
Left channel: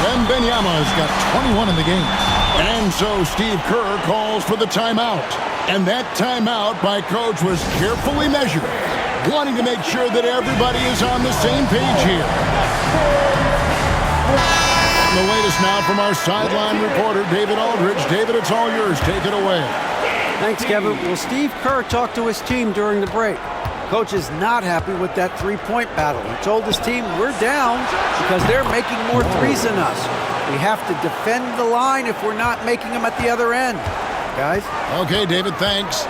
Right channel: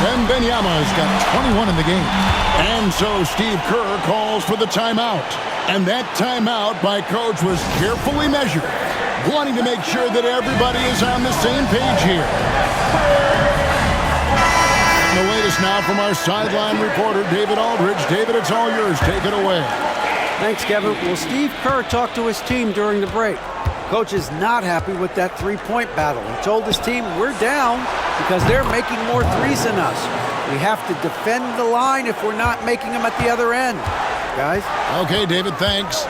Wembanyama has got 21 in the game. And so Steve Kerr calls for the timeout. And that timeout by Coach was carefully measured, wanting to make sure that everybody is on the same page here. And the latest now from our sideline reporter, David Aldridge. David, it's all yours. Take it away. Thanks, Kevin. Well, Steve Kerr talked to his team during the break. Coach is not happy with that three-point battle. He told his team, we're down because they're making more threes than us. We have to defend the line if we're not making them at the other end. Guys? Okay, David, thanks.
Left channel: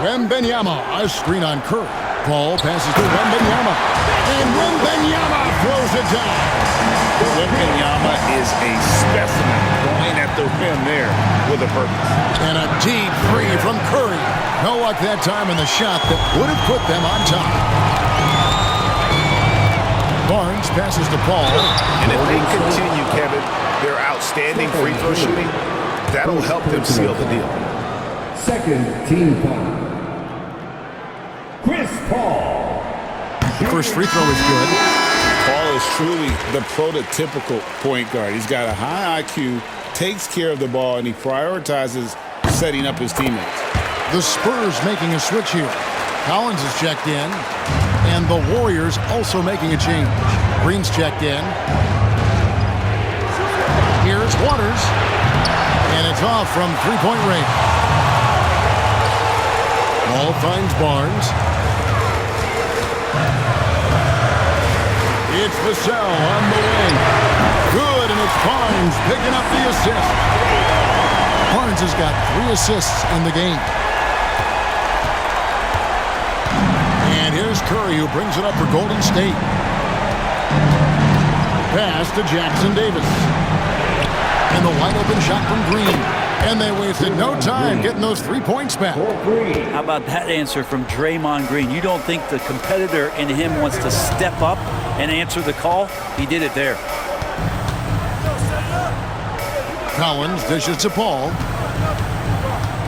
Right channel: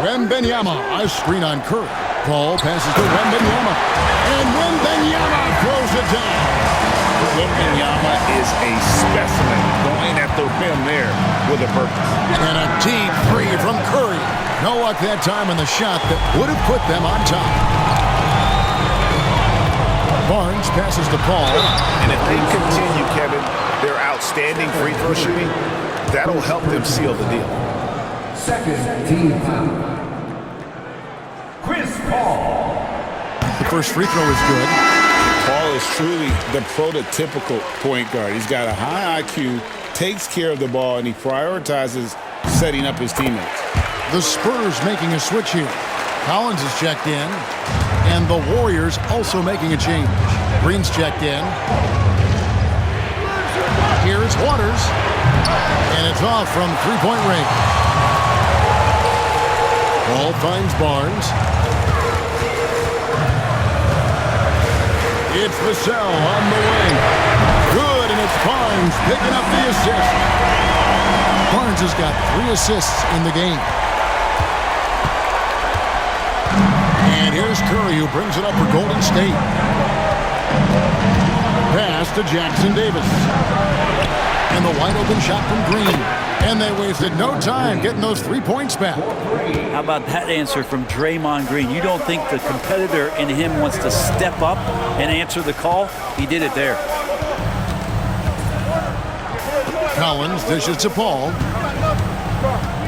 Wembanyama, a screen on Curry. Paul passes to Wembanyama. And Wembanyama throws it down. Wembanyama is a specimen going at the rim there with a purpose. And a deep three from Curry. No luck that time in the shot that would have put them on top. Barnes passes to Paul. And if they continue, Kevin, their outstanding free throw shooting, that'll help them seal the deal. Second team foul. Chris Paul. The first free throw is good. Paul is truly the prototypical point guard. He's got a high IQ, takes care of the ball, and he prioritizes setting up his teammates. The Spurs making a switch here. Collins is checked in, and the Warriors also making a change. Green's checked in. Here it's Waters, and it's off from three-point range. Paul finds Barnes. It's Vassell on the wing. Good good, and it's Barnes picking up the assist. Barnes has got 3 assists in the game. And here's Curry, who brings it up for Golden State. Pass to Jackson Davis. And the wide open shot from Green. And they wasted no time getting those 3 points back. How about that answer from Draymond Green? You don't think the competitor in him wants to step up and answer the call? He did it there. Collins dishes to Paul.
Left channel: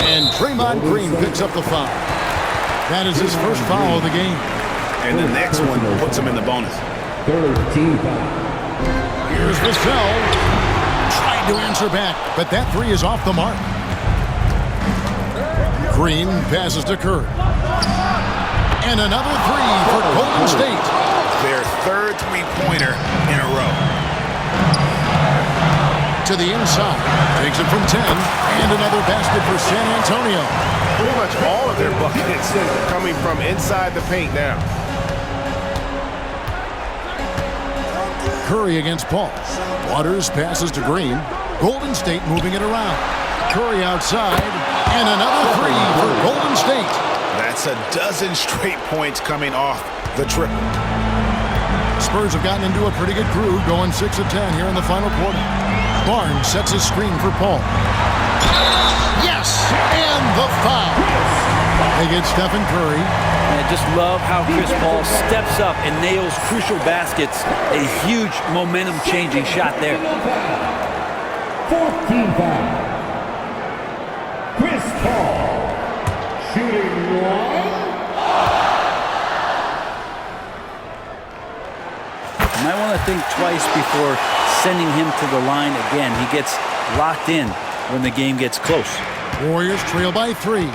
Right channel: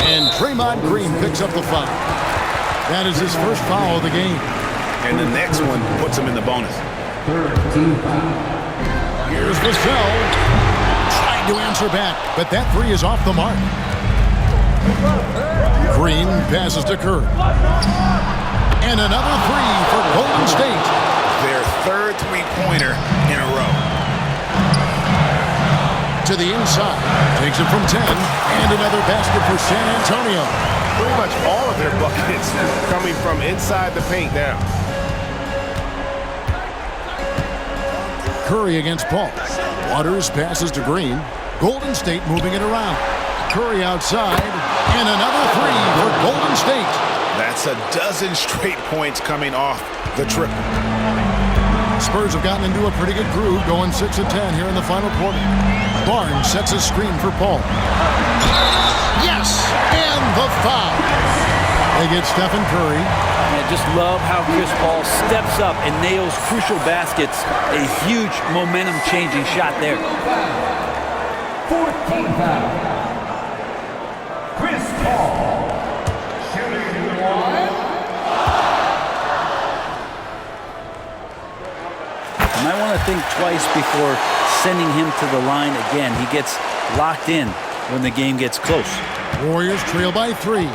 And Draymond Green picks up the foul. That is his first foul of the game. And the next one puts him in the bonus. Third team foul. Here's Vassell. Tried to answer back, but that 3 is off the mark. Green passes to Curry. And another 3 for Golden State. Their third three-pointer in a row. To the inside. Takes it from 10. And another basket for San Antonio. Pretty much all of their buckets coming from inside the paint now. Curry against Paul. Waters passes to Green. Golden State moving it around. Curry outside. And another 3 for Golden State. That's a dozen straight points coming off the triple. Spurs have gotten into a pretty good groove, going 6 of 10 here in the final quarter. Barnes sets a screen for Paul. Yes! And the foul. They get Stephen Curry. I just love how Chris Paul steps up and nails crucial baskets. A huge momentum-changing shot there. Fourth team foul. Chris Paul. Shooting 1. You might want to think twice before sending him to the line again. He gets locked in when the game gets close. Warriors trail by 3.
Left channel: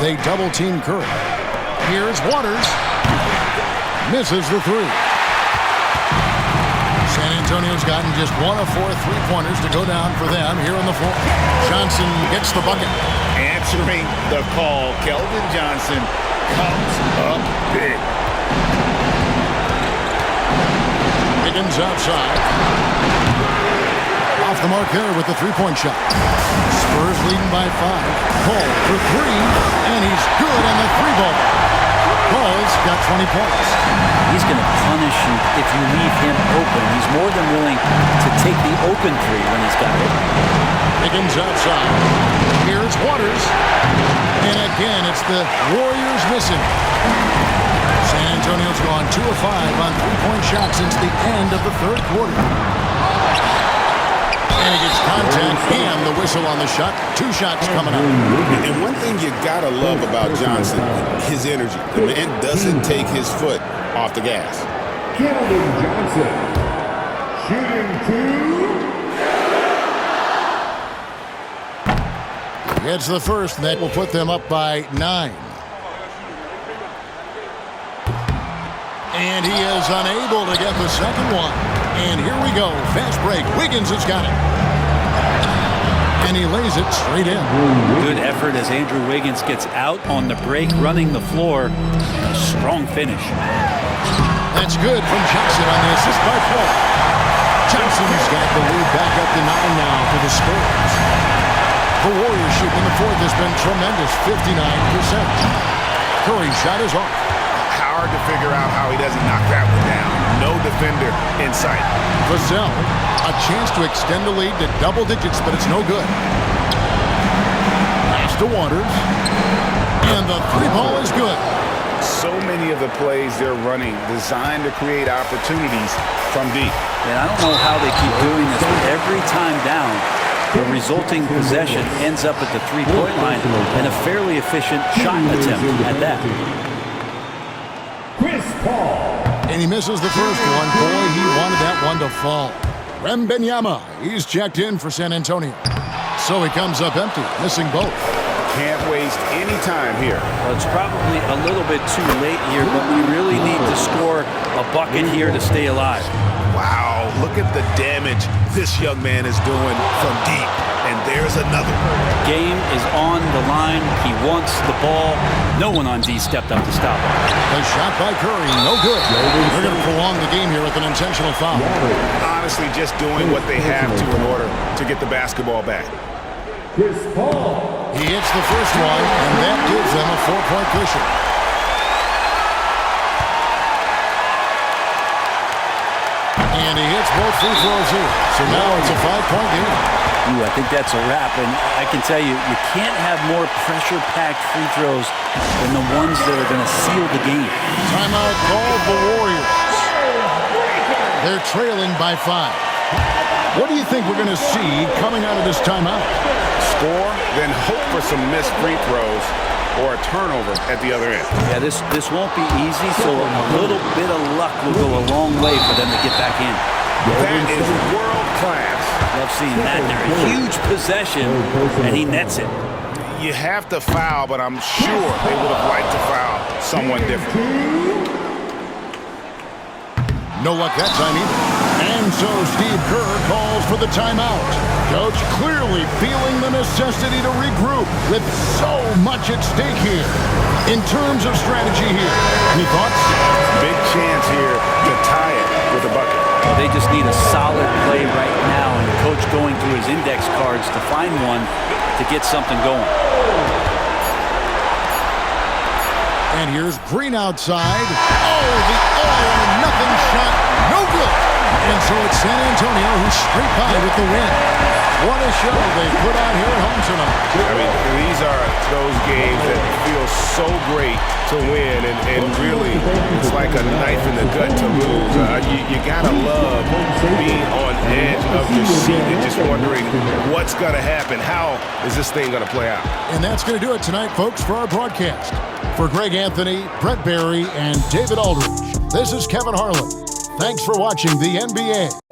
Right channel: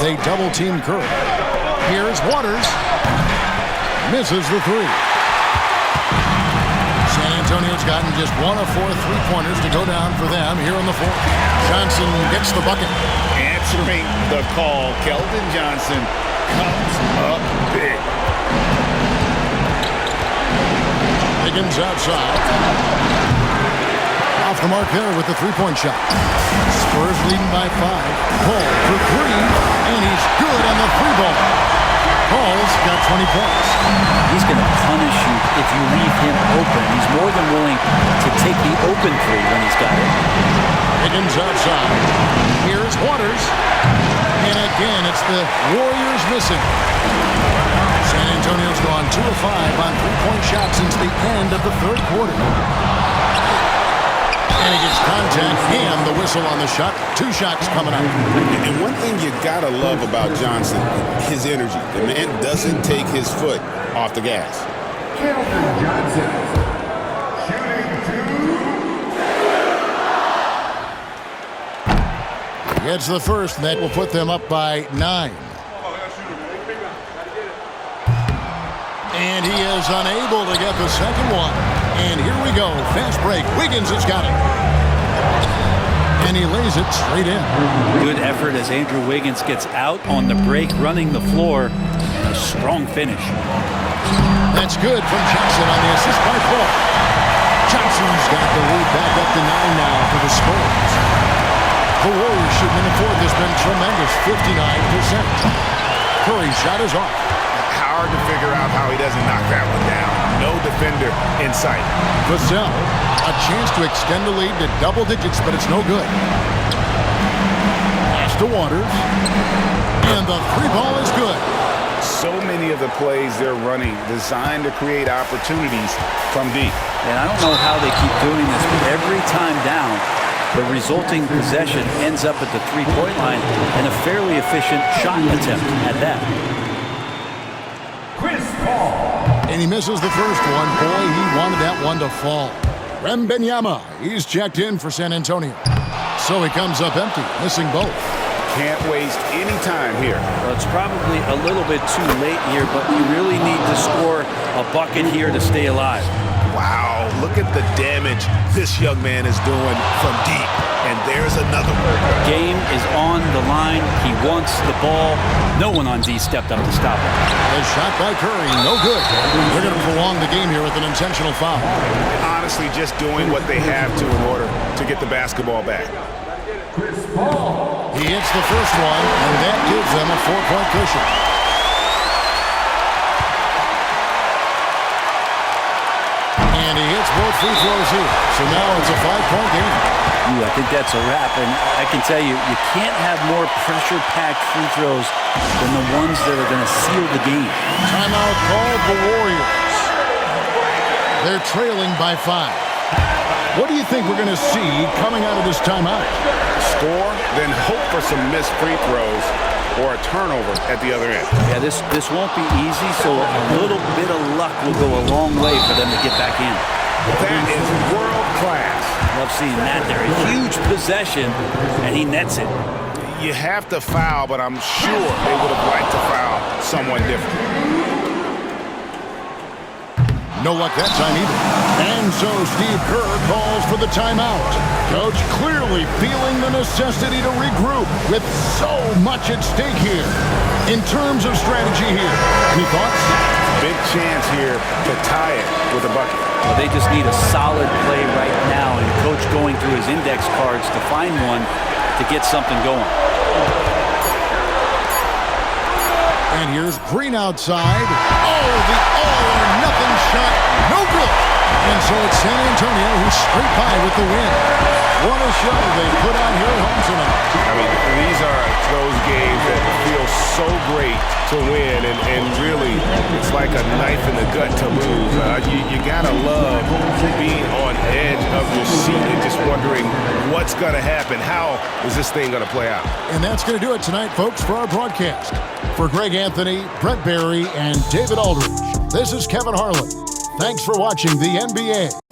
They double-team Curry. Here's Waters. Misses the 3. San Antonio's gotten just 1 of 4 3-pointers to go down for them here in the 4th. Johnson gets the bucket. Answering the call, Keldon Johnson comes up big. Higgins outside. Off the mark there with the 3-point shot. Spurs leading by 5. Cole for 3, and he's good on the 3-ball. Cole's got 20 points. He's going to punish you if you leave him open. He's more than willing to take the open 3 when he's got it. Higgins outside. Here's Waters. And again, it's the Warriors missing. San Antonio's gone 2 of 5 on 3-point shots since the end of the 3rd quarter. And he gets contact and the whistle on the shot. 2 shots coming up. And one thing you gotta love about Johnson, his energy. The man doesn't take his foot off the gas. Keldon Johnson. Shooting 2. Gets the first, and that will put them up by 9. And he is unable to get the second one. And here we go. Fast break. Wiggins has got it. And he lays it straight in. Good effort as Andrew Wiggins gets out on the break, running the floor. And a strong finish. That's good from Johnson on the assist by Paul. Johnson's got the lead back up to 9 now for the Spurs. The Warriors shooting in the 4th has been tremendous, 59%. Curry's shot is off. Hard to figure out how he doesn't knock that one down. No defender in sight. Vassell, a chance to extend the lead to double digits, but it's no good. Pass to Waters. And the 3-ball is good. So many of the plays they're running designed to create opportunities from deep. And I don't know how they keep doing this, but every time down, the resulting possession ends up at the 3-point line and a fairly efficient shot attempt at that. Chris Paul. And he misses the first one. Boy, he wanted that one to fall. Wembanyama, he's checked in for San Antonio. So he comes up empty, missing both. Can't waste any time here. Well, it's probably a little bit too late here, but you really need to score a bucket here to stay alive. Wow, look at the damage this young man is doing from deep. And there's another one. Game is on the line. He wants the ball. No one on D stepped up to stop him. The shot by Curry, no good. They're going to prolong the game here with an intentional foul. Honestly, just doing what they have to in order to get the basketball back. He hits the first one, and that gives them a 4-point cushion. And he hits both free throws here. So now it's a 5-point game. Ooh, I think that's a wrap. And I can tell you, you can't have more pressure-packed free throws than the ones that are going to seal the game. Timeout called the Warriors. They're trailing by 5. What do you think we're going to see coming out of this timeout? Score, then hope for some missed free throws or a turnover at the other end. Yeah, this won't be easy, so a little bit of luck will go a long way for them to get back in. That is world class. Love seeing that. They're a huge possession, and he nets it. You have to foul, but I'm sure they would have liked to foul someone different. No luck that time either. And so Steve Kerr calls for the timeout. Coach clearly feeling the necessity to regroup with so much at stake here. In terms of strategy here, any thoughts? Big chance here to tie it with a bucket. Well, they just need a solid play right now, and Coach going through his index cards to find one to get something going. And here's Green outside. Oh, the all-or-nothing shot. No good. And so it's San Antonio who's straight by with the win. What a show they put on here at home tonight. I mean, these are those games that feel so great to win, and really, it's like a knife in the gut to lose. You gotta love being on edge of your seat and just wondering what's gonna happen. How is this thing gonna play out? And that's going to do it tonight, folks, for our broadcast. For Greg Anthony, Brett Barry, and David Aldridge, this is Kevin Harlan. Thanks for watching the NBA.